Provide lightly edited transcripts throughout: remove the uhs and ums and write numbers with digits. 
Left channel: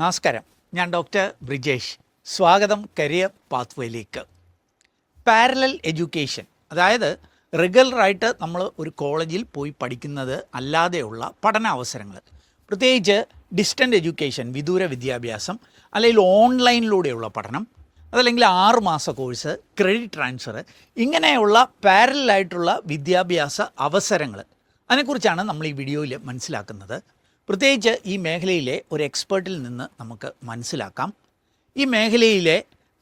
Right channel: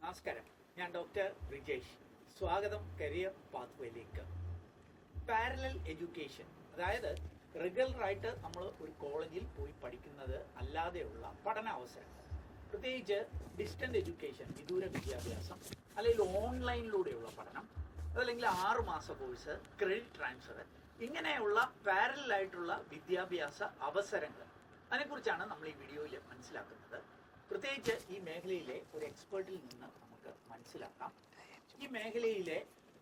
നമസ്കാരം, ഞാൻ ഡോക്ടർ ബ്രിജേഷ്. സ്വാഗതം കരിയർ പാത്വേയിലേക്ക്. പാരലൽ എഡ്യൂക്കേഷൻ, അതായത് റെഗുലറായിട്ട് നമ്മൾ ഒരു കോളേജിൽ പോയി പഠിക്കുന്നത് അല്ലാതെയുള്ള പഠന അവസരങ്ങൾ, പ്രത്യേകിച്ച് ഡിസ്റ്റൻ്റ് എഡ്യൂക്കേഷൻ, വിദൂര വിദ്യാഭ്യാസം, അല്ലെങ്കിൽ ഓൺലൈനിലൂടെയുള്ള പഠനം, അതല്ലെങ്കിൽ 6 മാസ കോഴ്സ്, ക്രെഡിറ്റ് ട്രാൻസ്ഫർ, ഇങ്ങനെയുള്ള പാരലായിട്ടുള്ള വിദ്യാഭ്യാസ അവസരങ്ങൾ, അതിനെക്കുറിച്ചാണ് നമ്മൾ ഈ വീഡിയോയിൽ മനസ്സിലാക്കുന്നത്. പ്രത്യേകിച്ച് ഈ മേഖലയിലെ ഒരു എക്സ്പേർട്ടിൽ നിന്ന് നമുക്ക് മനസ്സിലാക്കാം ഈ മേഖലയിലെ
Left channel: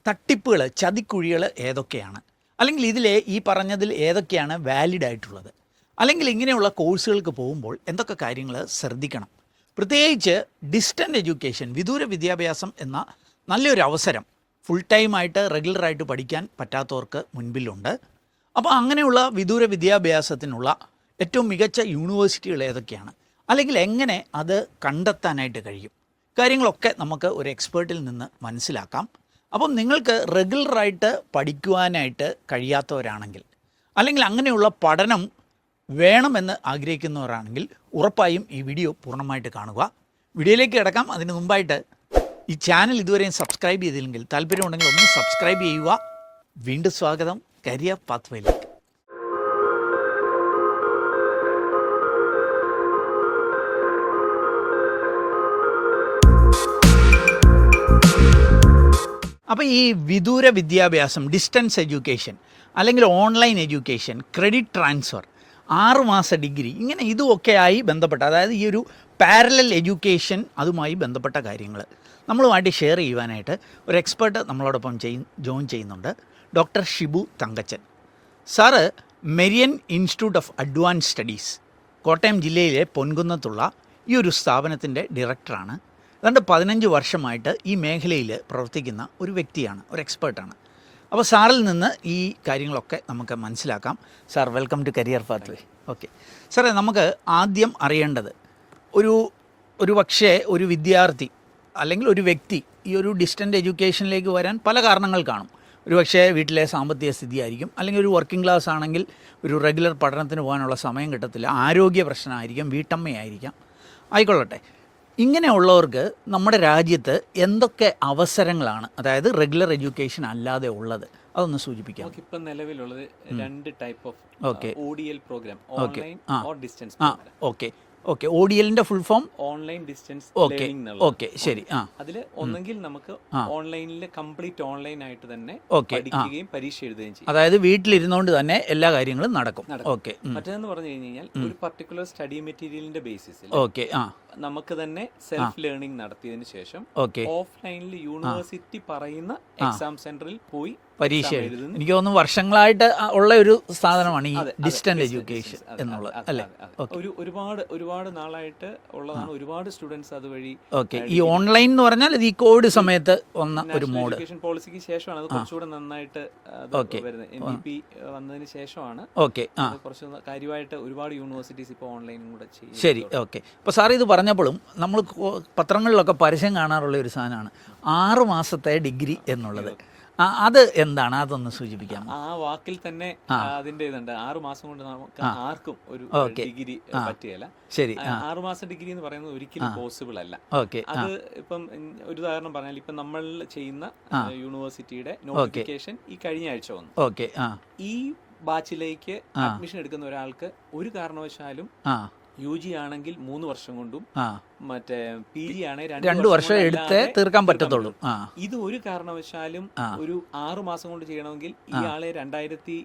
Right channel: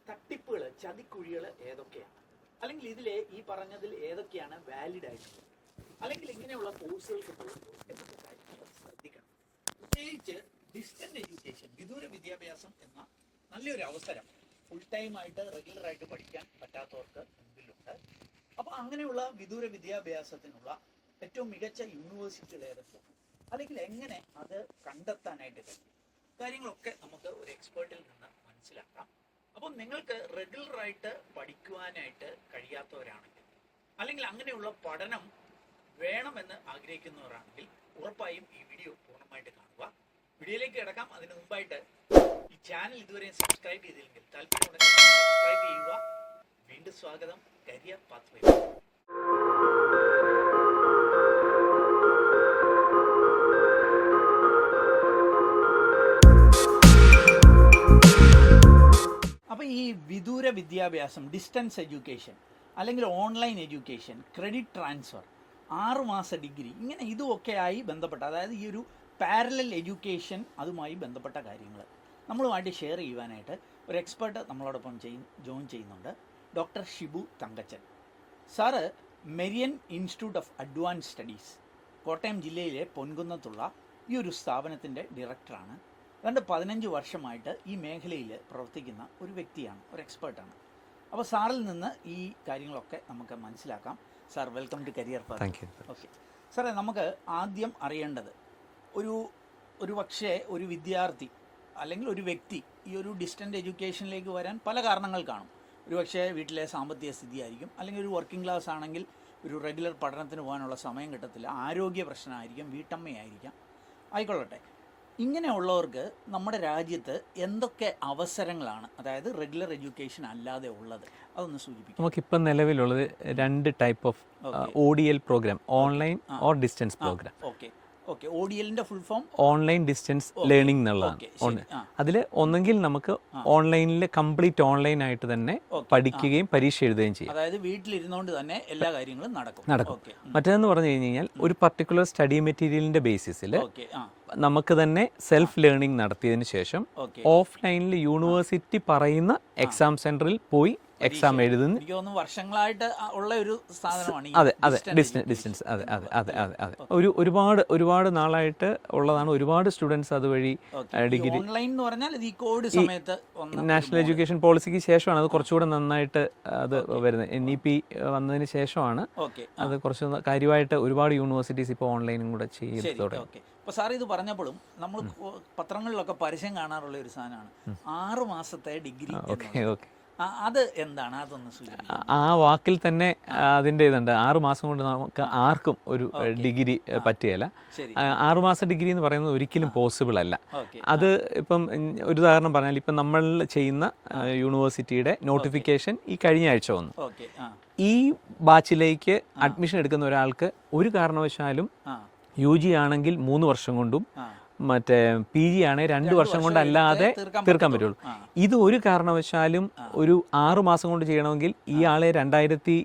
തട്ടിപ്പുകൾ, ചതിക്കുഴികൾ ഏതൊക്കെയാണ്, അല്ലെങ്കിൽ ഇതിലെ ഈ പറഞ്ഞതിൽ ഏതൊക്കെയാണ് വാലിഡ് ആയിട്ടുള്ളത്, അല്ലെങ്കിൽ ഇങ്ങനെയുള്ള കോഴ്സുകൾക്ക് പോകുമ്പോൾ എന്തൊക്കെ കാര്യങ്ങൾ ശ്രദ്ധിക്കണം. പ്രത്യേകിച്ച് ഡിസ്റ്റൻ്റ് എഡ്യൂക്കേഷൻ, വിദൂര വിദ്യാഭ്യാസം എന്ന നല്ലൊരു അവസരം ഫുൾ ടൈമായിട്ട് റെഗുലറായിട്ട് പഠിക്കാൻ പറ്റാത്തവർക്ക് മുൻപിലുണ്ട്. അപ്പോൾ അങ്ങനെയുള്ള വിദൂര വിദ്യാഭ്യാസത്തിനുള്ള ഏറ്റവും മികച്ച യൂണിവേഴ്സിറ്റികൾ ഏതൊക്കെയാണ്, അല്ലെങ്കിൽ എങ്ങനെ അത് കണ്ടെത്താനായിട്ട് കഴിയും, കാര്യങ്ങളൊക്കെ നമുക്ക് ഒരു എക്സ്പേർട്ടിൽ നിന്ന് മനസ്സിലാക്കാം. അപ്പം നിങ്ങൾക്ക് റെഗുലറായിട്ട് പഠിക്കുവാനായിട്ട് കഴിയാത്തവരാണെങ്കിൽ, അല്ലെങ്കിൽ അങ്ങനെയുള്ള പഠനം വേണമെന്ന് ആഗ്രഹിക്കുന്നവരാണെങ്കിൽ ഉറപ്പായും ഈ വീഡിയോ പൂർണ്ണമായിട്ട് കാണുക. വീഡിയോയിലേക്ക് കിടക്കാം. അതിന് മുമ്പായിട്ട് ഈ ചാനൽ ഇതുവരെയും സബ്സ്ക്രൈബ് ചെയ്തില്ലെങ്കിൽ താല്പര്യമുണ്ടെങ്കിൽ ഒന്ന് സബ്സ്ക്രൈബ് ചെയ്യുക. വീണ്ടും സ്വാഗതം കരിയർ പാത്വേയിലേക്ക്. അപ്പോൾ ഈ വിദൂര വിദ്യാഭ്യാസം, ഡിസ്റ്റൻസ് എഡ്യൂക്കേഷൻ, അല്ലെങ്കിൽ ഓൺലൈൻ എഡ്യൂക്കേഷൻ, ക്രെഡിറ്റ് ട്രാൻസ്ഫർ, 6 മാസ ഡിഗ്രി, ഇങ്ങനെ ഇതുമൊക്കെയായി ബന്ധപ്പെട്ട, അതായത് ഈ ഒരു പാരലൽ എഡ്യൂക്കേഷൻ, അതുമായി ബന്ധപ്പെട്ട കാര്യങ്ങൾ നമ്മളുമായിട്ട് ഷെയർ ചെയ്യുവാനായിട്ട് ഒരു എക്സ്പേർട്ട് നമ്മളോടൊപ്പം ജോയിൻ ചെയ്യുന്നുണ്ട്. Doctor Shibu Thankachan sir Marion institute of advance studies, Kottayam ജില്ലയിലെ പൊൻകുന്നത്തുള്ള ഈ ഒരു സ്ഥാപനത്തിൻ്റെ ഡയറക്ടറാണ്. ഏതാണ്ട് 15 വർഷമായിട്ട് ഈ മേഖലയിൽ പ്രവർത്തിക്കുന്ന ഒരു വ്യക്തിയാണ്, ഒരു എക്സ്പേർട്ടാണ്. അപ്പോൾ സാറിൽ നിന്ന് ഈ കാര്യങ്ങളൊക്കെ നമുക്ക് മനസ്സിലാക്കാം. Sir, welcome to career path. Okay സാറേ, നമുക്ക് ആദ്യം അറിയേണ്ടത് ഒരു പക്ഷേ ഒരു വിദ്യാർത്ഥി അല്ലെങ്കിൽ ഒരു വ്യക്തി ഈ ഒരു ഡിസ്റ്റൻ്റ് എഡ്യൂക്കേഷനിലേക്ക് വരാൻ പല കാരണങ്ങൾ കാണും. ഒരു പക്ഷേ വീട്ടിലെ സാമ്പത്തിക സ്ഥിതി ആയിരിക്കും, അല്ലെങ്കിൽ ഒരു വർക്കിംഗ് ക്ലാസ് ആണെങ്കിൽ ഒരു റെഗുലർ പഠനത്തിന് പോകാനുള്ള സമയം കിട്ടത്തില്ല, ആരോഗ്യ പ്രശ്നമായിരിക്കും, വീട്ടമ്മയായിരിക്കാം, ആയിക്കൊള്ളട്ടെ. ഇങ്ങനെയുള്ളവർക്ക് നമ്മുടെ രാജ്യത്ത് എന്തൊക്കെ അവസരങ്ങളാണ്, അതായത് റെഗുലർ എഡ്യൂക്കേഷൻ അല്ലാതെ ഉള്ളത്, അതൊന്ന് സൂചിപ്പിക്കാം. നമുക്കിപ്പം നിലവിലുള്ളത് 2 type of ODL programme, online or distance programme. Okay, ODLന്റെ full form online distance learning എന്നുള്ളത്. ഓക്കെ, ശരി. അതിൽ ഒന്നെങ്കിൽ നമുക്ക് ഓൺലൈനിൽ കംപ്ലീറ്റ് ഓൺലൈൻ ആയിട്ട് തന്നെ പഠിക്കുകയും പരീക്ഷ എഴുതുകയും ചെയ്യും, അതായത് വീട്ടിലിരുന്നുകൊണ്ട് തന്നെ എല്ലാ കാര്യങ്ങളും നടക്കും. ഓക്കെ. മറ്റേതെന്ന് പറഞ്ഞു കഴിഞ്ഞാൽ ഒരു പർട്ടിക്കുലർ സ്റ്റഡി മെറ്റീരിയലിന്റെ ബേസിസിൽ നമുക്ക് തന്നെ സെൽഫ് ലേണിംഗ് നടത്തിയതിനു ശേഷം ഓഫ്ലൈനിൽ യൂണിവേഴ്സിറ്റി പറയുന്ന എക്സാം സെന്ററിൽ പോയി പരീക്ഷ എഴുതുന്നു. എനിക്ക് തോന്നുന്നു വർഷങ്ങളായിട്ട് ഉള്ള ഒരു സാധനമാണ് ഈ ഡിസ്റ്റന്റ് എഡ്യൂക്കേഷൻ. ഒരുപാട് നാളായിട്ട് ഉള്ളതാണ്. ഒരുപാട് സ്റ്റുഡൻസ് അതുവഴി ഈ ഓൺലൈൻ എന്ന് പറഞ്ഞാൽ ഈ കോവിഡ് സമയത്ത് നാഷണൽ എഡ്യൂക്കേഷൻ പോളിസിക്ക് ശേഷമാണ് അത് കുറച്ചുകൂടെ നന്നായിട്ട് അത് വരുന്നത്. NEP വന്നതിന് ശേഷമാണ് അത് കുറച്ച് കാര്യമായിട്ട് ഒരുപാട് യൂണിവേഴ്സിറ്റീസ് ഇപ്പോൾ ഓൺലൈനും കൂടെ ചെയ്യും. ശരി, ഓക്കെ. അപ്പോൾ സാർ ഇത് പറഞ്ഞപ്പോഴും നമ്മൾ പത്രങ്ങളിലൊക്കെ പരസ്യം കാണാറുള്ള ഒരു സാധനമാണ് 6 മാസത്തെ ഡിഗ്രി എന്നുള്ളത്. അത് എന്താണ്, അതൊന്ന് സൂചിപ്പിക്കാം. ആ വാക്കിൽ തന്നെ അതിന്റെ ഇതുണ്ട്. 6 മാസം കൊണ്ട് നമുക്ക് ആർക്കും ഒരു ഡിഗ്രി പറ്റുകയില്ല. ശരി, 6 മാസ ഡിഗ്രി എന്ന് പറയുന്നത് ഒരിക്കലും പോസിബിൾ അല്ല. അത് ഇപ്പം ഒരു ഉദാഹരണം പറഞ്ഞാൽ, ഇപ്പം നമ്മൾ ചെയ്യുന്ന യൂണിവേഴ്സിറ്റിയുടെ നോട്ടിഫിക്കേഷൻ ഈ കഴിഞ്ഞ ആഴ്ച വന്നു. ഓക്കെ. ഈ ബാച്ചിലേക്ക് അഡ്മിഷൻ എടുക്കുന്ന ഒരാൾക്ക് ഒരു കാരണവശാലും UG ആണെങ്കിൽ 3 വർഷം കൊണ്ടും മറ്റേ PG ആണെങ്കിൽ 2 വർഷം കൊണ്ടല്ലാതെ തീർക്കാൻ പറ്റുള്ളൂ. ഇത് ഒരു കാരണവശാലും ഒരു 6 മാസം കൊണ്ട് ചെയ്യണമെങ്കിൽ ഇയാളെ 2023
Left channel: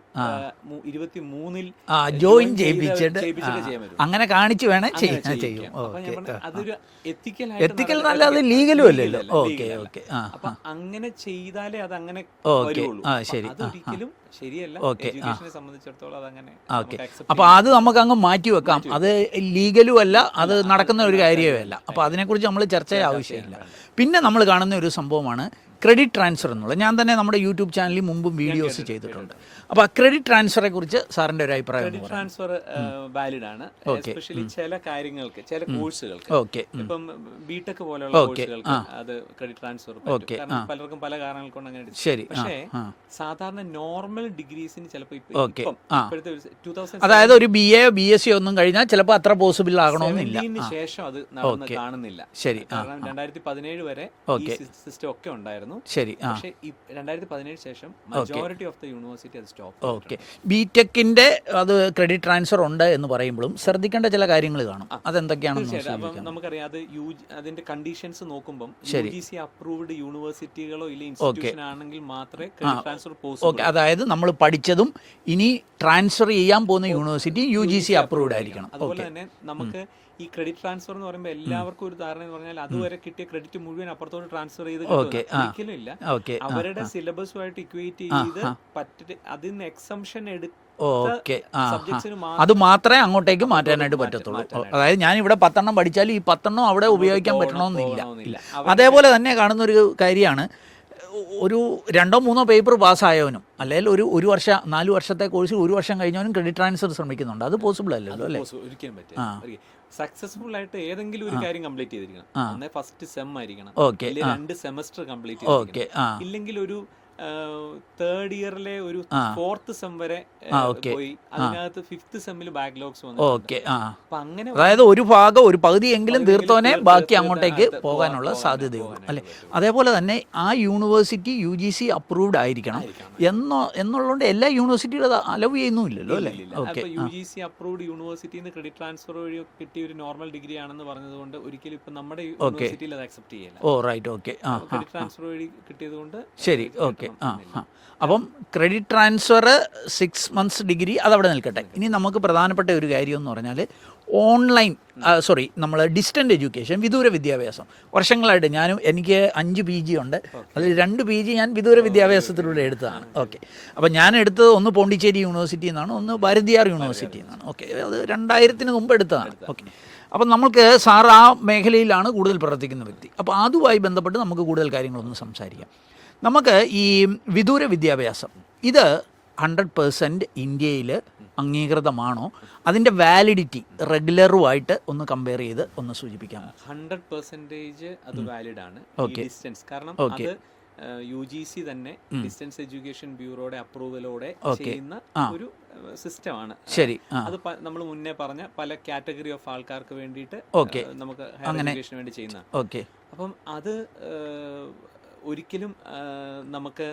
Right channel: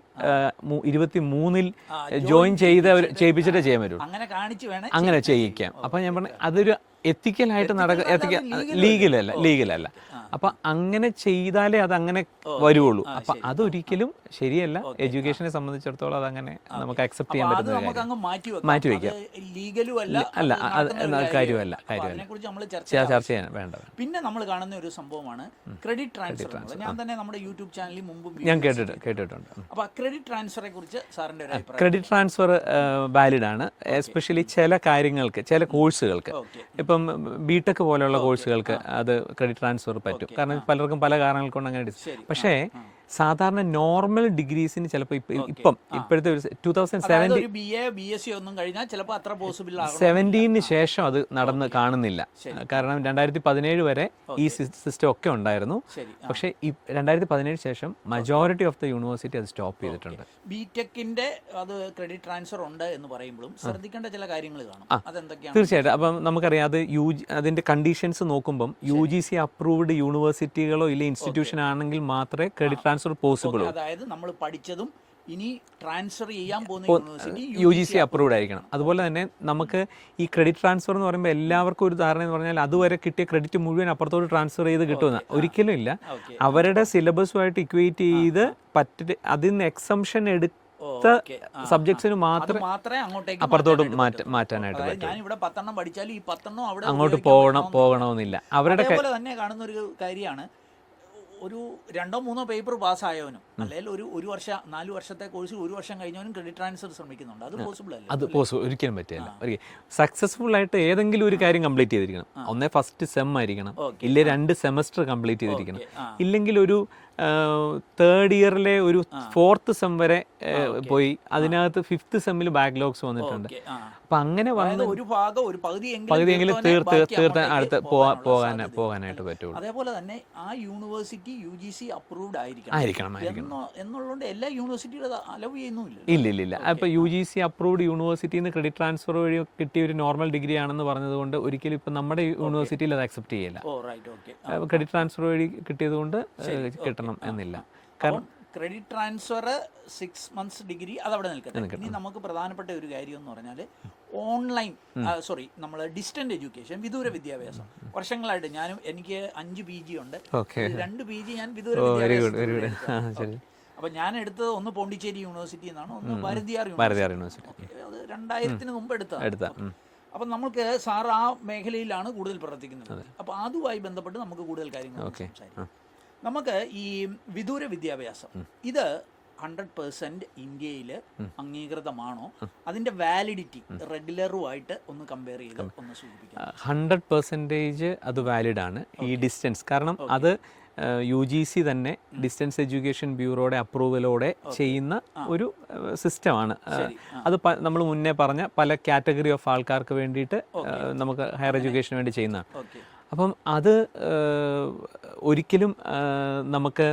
ജോയിൻ ചെയ്യിപ്പിച്ചിട്ട് ചെയ്യാൻ വരും. അങ്ങനെ കാണിച്ചു വേണം അങ്ങനെ ചെയ്യിക്കാം. അപ്പൊ ഞാൻ പറഞ്ഞു, അതൊരു എത്തിക്കലായിട്ട് ലീഗലല്ല. അപ്പൊ അങ്ങനെ ചെയ്താലേ അത് അങ്ങനെ വരുള്ളൂ. അതൊരിക്കലും ശരിയല്ല. എഡ്യൂക്കേഷനെ സംബന്ധിച്ചിടത്തോളം അതങ്ങനെ നമുക്ക് അക്സെപ്റ്റ് ചെയ്യാം. അത് നമുക്ക് അങ്ങ് മാറ്റി വെക്കാം. അത് ലീഗലും അല്ല, അത് നടക്കുന്ന ഒരു കാര്യമല്ല. അപ്പോൾ അതിനെക്കുറിച്ച് നമ്മൾ ചർച്ച ചെയ്യാം. പിന്നെ നമ്മൾ കാണുന്ന ഒരു സംഭവമാണ് ക്രെഡിറ്റ് ട്രാൻസ്ഫർ എന്നുള്ളത്. ഞാൻ തന്നെ നമ്മുടെ യൂട്യൂബ് ചാനലിൽ മുമ്പും വീഡിയോസ് ചെയ്തിട്ടുണ്ട്. അപ്പോൾ ക്രെഡിറ്റ് ട്രാൻസ്ഫറെ കുറിച്ച് സാറിന്റെ ഒരു അഭിപ്രായം. ക്രെഡിറ്റ് ട്രാൻസ്ഫർ വാലിഡ് ആണ്, എസ്പെഷ്യലി ചില കാര്യങ്ങൾക്ക്, ചില കോഴ്സുകൾക്ക്. ഇപ്പം BTech പോലെയുള്ള കോഴ്സുകൾക്ക് അത് ക്രെഡിറ്റ് ട്രാൻസ്ഫർ പറ്റും, കാരണം പലർക്കും പല കാരണങ്ങൾ കൊണ്ട് അങ്ങനെ. ശരി. പക്ഷേ സാധാരണ നോർമൽ ഡിഗ്രീസിന് ചിലപ്പോൾ ഇപ്പോഴത്തെ ഒരു 2000, അതായത് ഒരു BA BSc ഒന്നും കഴിഞ്ഞാൽ ചിലപ്പോൾ അത്ര പോസിബിൾ ആകണം. 17 ശേഷം അത് നടക്കും. അന്ന് കാണുന്നില്ല. ശരി. കാരണം 2017 വരെ ഈ സിസ്റ്റം ഒക്കെ ഉണ്ടായിരുന്നു. ശരി. പക്ഷേ ഈ 2017 ശേഷം മജോറിറ്റി ഓഫ് ദ യൂണിവേഴ്സിറ്റി അത് സ്റ്റോപ്പ് ചെയ്തിട്ടുണ്ട്. ബിടെക്കിന്റെ അത് ക്രെഡിറ്റ് ട്രാൻസ്ഫർ ഉണ്ട് എന്ന് പറയുമ്പോഴും ശ്രദ്ധിക്കേണ്ട ചില കാര്യങ്ങൾ കാണും. അതെന്തൊക്കെയാണ്? തീർച്ചയായിട്ടും. അപ്പം നമുക്കറിയാം അത് അതിന്റെ കണ്ടീഷൻസ് നോക്കുമ്പോൾ UGC അപ്രൂവ്ഡ് യൂണിവേഴ്സിറ്റികളോ ഇല്ല ഇൻസ്റ്റിറ്റ്യൂഷൻ ആണെങ്കിൽ മാത്രമേ ക്രെഡിറ്റ് ട്രാൻസ്ഫർ പോസിബിൾ. അതായത് നമ്മൾ പഠിച്ചതും ഇനി ട്രാൻസ്ഫർ ചെയ്യാൻ പോകുന്ന യൂണിവേഴ്സിറ്റി UGC അപ്രൂവ്ഡ് ആയിരിക്കണം. അതുപോലെ തന്നെ നമുക്ക് ഈ ക്രെഡിറ്റ് ട്രാൻസ്ഫർ എന്ന് പറയുമ്പോൾ എല്ലാവർക്കും ഒരു ധാരണ എന്ന് പറഞ്ഞാൽ അതുവരെ കിട്ടിയ ക്രെഡിറ്റ് മുഴുവൻ അപ്പുറത്തോട്ട് ട്രാൻസ്ഫർ ചെയ്ത് കിട്ടുക ഒരിക്കലും ഇല്ല. അവരുടെ സിലബസുമായിട്ട് ഇക്വേറ്റ് ചെയ്ത് അതിൽ നിന്ന് എക്സംഷൻ സബ്ജക്ട്സിന് അത് മാത്രമേ അങ്ങോട്ടേക്ക് മാറ്റാനായിട്ട് പറ്റത്തുള്ളൂ. അതായത് ഞാൻ ഇവിടെ 10 പഠിച്ചാൽ ഈ 10 അവിടെ ഉപയോഗിക്കാൻ പറ്റണമെന്നില്ല. അതേപോലെ തന്നെ കാണുന്ന ഒരു കാര്യമാണ്, ഒരു 2-3 പേപ്പർ പാസ്സായവനും അല്ലെങ്കിൽ ഒരു വർഷം 4 വർഷത്തെ കോഴ്സിൽ 1 വർഷം കഴിഞ്ഞവനും ക്രെഡിറ്റ് ട്രാൻസ്ഫർ ശ്രമിക്കുന്നുണ്ട്. അത് പോസിബിൾ അല്ല. അത് ഒരിക്കലും പറ്റില്ല. സക്സസ്ഫുൾ ആയിട്ട് ഏതെങ്കിലും ഒരു കാര്യം കംപ്ലീറ്റ് ചെയ്തിരിക്കണം. ഒന്നേ ഫസ്റ്റ് സെം ആയിരിക്കണം, ഇല്ലെങ്കിൽ 2 സെമസ്റ്റർ കംപ്ലീറ്റ് ചെയ്തിരിക്കണം, ഇല്ലെങ്കിൽ ഒരു 3rd ഇയറിലെ ഒരു 4th സെം വരെ പോയി അതിനകത്ത് 5th സെമ്മിൽ ബാക്ക്ലോഗ്സ് വന്നിട്ടുണ്ട്. അപ്പൊ അങ്ങനെ അതായത് ഒരു ഭാഗം ഒരു പകുതിയെങ്കിലും തീർത്തോനെ ബാക്കി അങ്ങോട്ടേക്ക് പോകാനുള്ള സാധ്യത. അതേപോലെ തന്നെ ആ യൂണിവേഴ്സിറ്റി UGC അപ്രൂവ്ഡ് ആയിരിക്കണം എന്നുള്ളതുകൊണ്ട് എല്ലാ യൂണിവേഴ്സിറ്റികളും അലവ് ചെയ്യുന്നുമില്ലല്ലോ. ഇല്ല. അപ്പൊ UGC അപ്രൂവ്ഡ് യൂണിവേഴ്സിറ്റിന്ന് ക്രെഡിറ്റ് ട്രാൻസ്ഫർ വഴി കിട്ടിയ ഒരു നോർമൽ ഡിഗ്രി ആണെന്ന് പറഞ്ഞതുകൊണ്ട് ഒരിക്കലും ഇപ്പൊ നമ്മുടെ യൂണിവേഴ്സിറ്റിയിൽ അത് അക്സെപ്റ്റ് ചെയ്യില്ല. ക്രെഡിറ്റ് ട്രാൻസ്ഫർ വഴി കിട്ടിയത് കൊണ്ട് ശരി. അപ്പം ക്രെഡിറ്റ് ട്രാൻസ്ഫർ 6 months ഡിഗ്രി അതവിടെ നിൽക്കട്ടെ. ഇനി നമുക്ക് പ്രധാനപ്പെട്ട ഒരു കാര്യം എന്ന് പറഞ്ഞാൽ ഓൺലൈൻ നമ്മൾ ഡിസ്റ്റന്റ് എഡ്യൂക്കേഷൻ, വിദൂര വിദ്യാഭ്യാസം. വർഷങ്ങളായിട്ട് എനിക്ക് 5 PG ഉണ്ട്. അതിൽ 2 PG ഞാൻ വിദൂര വിദ്യാഭ്യാസത്തിലൂടെ എടുത്തതാണ്. ഓക്കെ. അപ്പം ഞാൻ എടുത്തത് ഒന്ന് പോണ്ടിച്ചേരി യൂണിവേഴ്സിറ്റിയിൽ നിന്നാണ്, ഒന്ന് ഭാരതിയാർ യൂണിവേഴ്സിറ്റിയിൽ നിന്നാണ്. ഓക്കെ. അത് 2000 മുമ്പ് എടുത്തതാണ്. ഓക്കെ. അപ്പം നമുക്ക് സാർ ആ മേഖലയിലാണ് കൂടുതൽ പ്രവർത്തിക്കുന്ന വ്യക്തി. അപ്പോൾ അതുമായി ബന്ധപ്പെട്ട് നമുക്ക് കൂടുതൽ കാര്യങ്ങളൊന്ന് സംസാരിക്കാം. നമുക്ക് ഈ വിദൂര വിദ്യാഭ്യാസം ഇത് 100% ഇന്ത്യയിൽ അംഗീകൃതമാണോ? അതിൻ്റെ വാലിഡിറ്റി റെഗുലറുമായിട്ട് ഒന്ന് കമ്പയർ ചെയ്ത് ഒന്ന് സൂചിപ്പിക്കാം. 100% അത് വാലിഡ് ആണ് ഈ ഡിസ്റ്റൻസ്. കാരണം അത് UGC തന്നെ ഡിസ്റ്റൻസ് എഡ്യൂക്കേഷൻ ബ്യൂറോയുടെ അപ്രൂവലോടെ ചെയ്യുന്ന ഒരു സിസ്റ്റമാണ്. ശരി. അത് നമ്മൾ മുന്നേ പറഞ്ഞ പല കാറ്റഗറി ഓഫ് ആൾക്കാർക്ക് വേണ്ടിയിട്ട് നമുക്ക് ഹയർ എഡ്യൂക്കേഷന് വേണ്ടി ചെയ്യുന്ന. അപ്പം അത് ഒരിക്കലും നമുക്ക്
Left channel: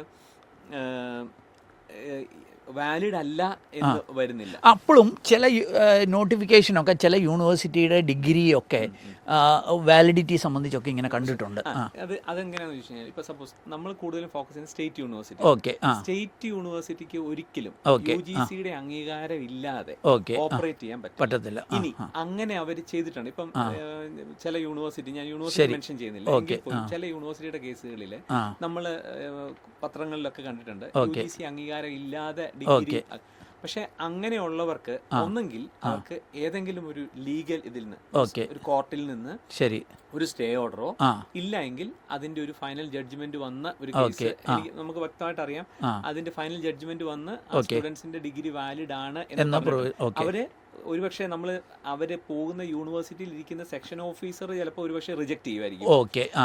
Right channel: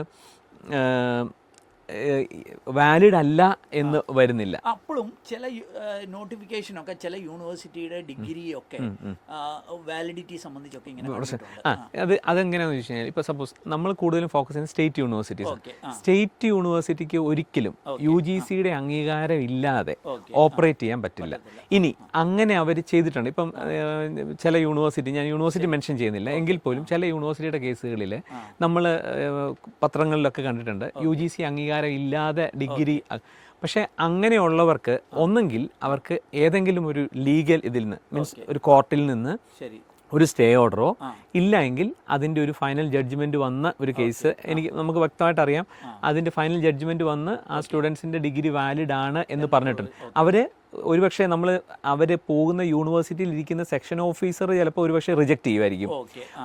വാലിഡ് അല്ല എന്ന് വരുന്നില്ല. അപ്പോഴും ചില നോട്ടിഫിക്കേഷനൊക്കെ ചില യൂണിവേഴ്സിറ്റിയുടെ ഡിഗ്രിയൊക്കെ വാലിഡിറ്റി സംബന്ധിച്ചൊക്കെ ഇങ്ങനെ കണ്ടിട്ടുണ്ട്. അതെങ്ങനെയാണെന്ന് വെച്ച് കഴിഞ്ഞാൽ ഇപ്പോൾ സപ്പോസ് നമ്മൾ കൂടുതലും ഫോക്കസ് ചെയ്യുന്നത് സ്റ്റേറ്റ് യൂണിവേഴ്സിറ്റി. സ്റ്റേറ്റ് യൂണിവേഴ്സിറ്റിക്ക് ഒരിക്കലും UGCയുടെ അംഗീകാരം ഇല്ലാതെ ഓപ്പറേറ്റ് ചെയ്യാൻ പറ്റില്ല. ഇനി അങ്ങനെ അവർ ചെയ്തിട്ടുണ്ട്. ഇപ്പം ചില യൂണിവേഴ്സിറ്റി, ഞാൻ യൂണിവേഴ്സിറ്റി മെൻഷൻ ചെയ്യുന്നില്ല എങ്കിൽ പോലും ചില യൂണിവേഴ്സിറ്റിയുടെ കേസുകളിൽ നമ്മൾ പത്രങ്ങളിലൊക്കെ കണ്ടിട്ടുണ്ട് UGC അംഗീകാരം ഇല്ലാതെ ഡിഗ്രി. പക്ഷെ അങ്ങനെയുള്ളവർക്ക് ഒന്നെങ്കിൽ അവർക്ക് ഏതെങ്കിലും ഒരു ലീഗൽ ഇതിൽ നിന്ന്, ഒരു കോർട്ടിൽ നിന്ന് ഒരു സ്റ്റേ ഓർഡറോ ഇല്ല എങ്കിൽ അതിന്റെ ഒരു ഫൈനൽ ജഡ്ജ്മെന്റ് വന്ന ഒരു കേസ് നമുക്ക് വ്യക്തമായിട്ട് അറിയാം. അതിന്റെ ഫൈനൽ ജഡ്ജ്മെന്റ് വന്ന് ആ സ്റ്റുഡൻസിന്റെ ഡിഗ്രി വാലിഡ് ആണ് എന്ന് പറഞ്ഞിട്ട് അവര് ഒരുപക്ഷെ അവര് പോകുന്ന യൂണിവേഴ്സിറ്റിയിൽ ഇരിക്കുന്ന സെക്ഷൻ ഓഫീസർ ചിലപ്പോൾ ഒരുപക്ഷെ റിജക്ട് ചെയ്യുമായിരിക്കും.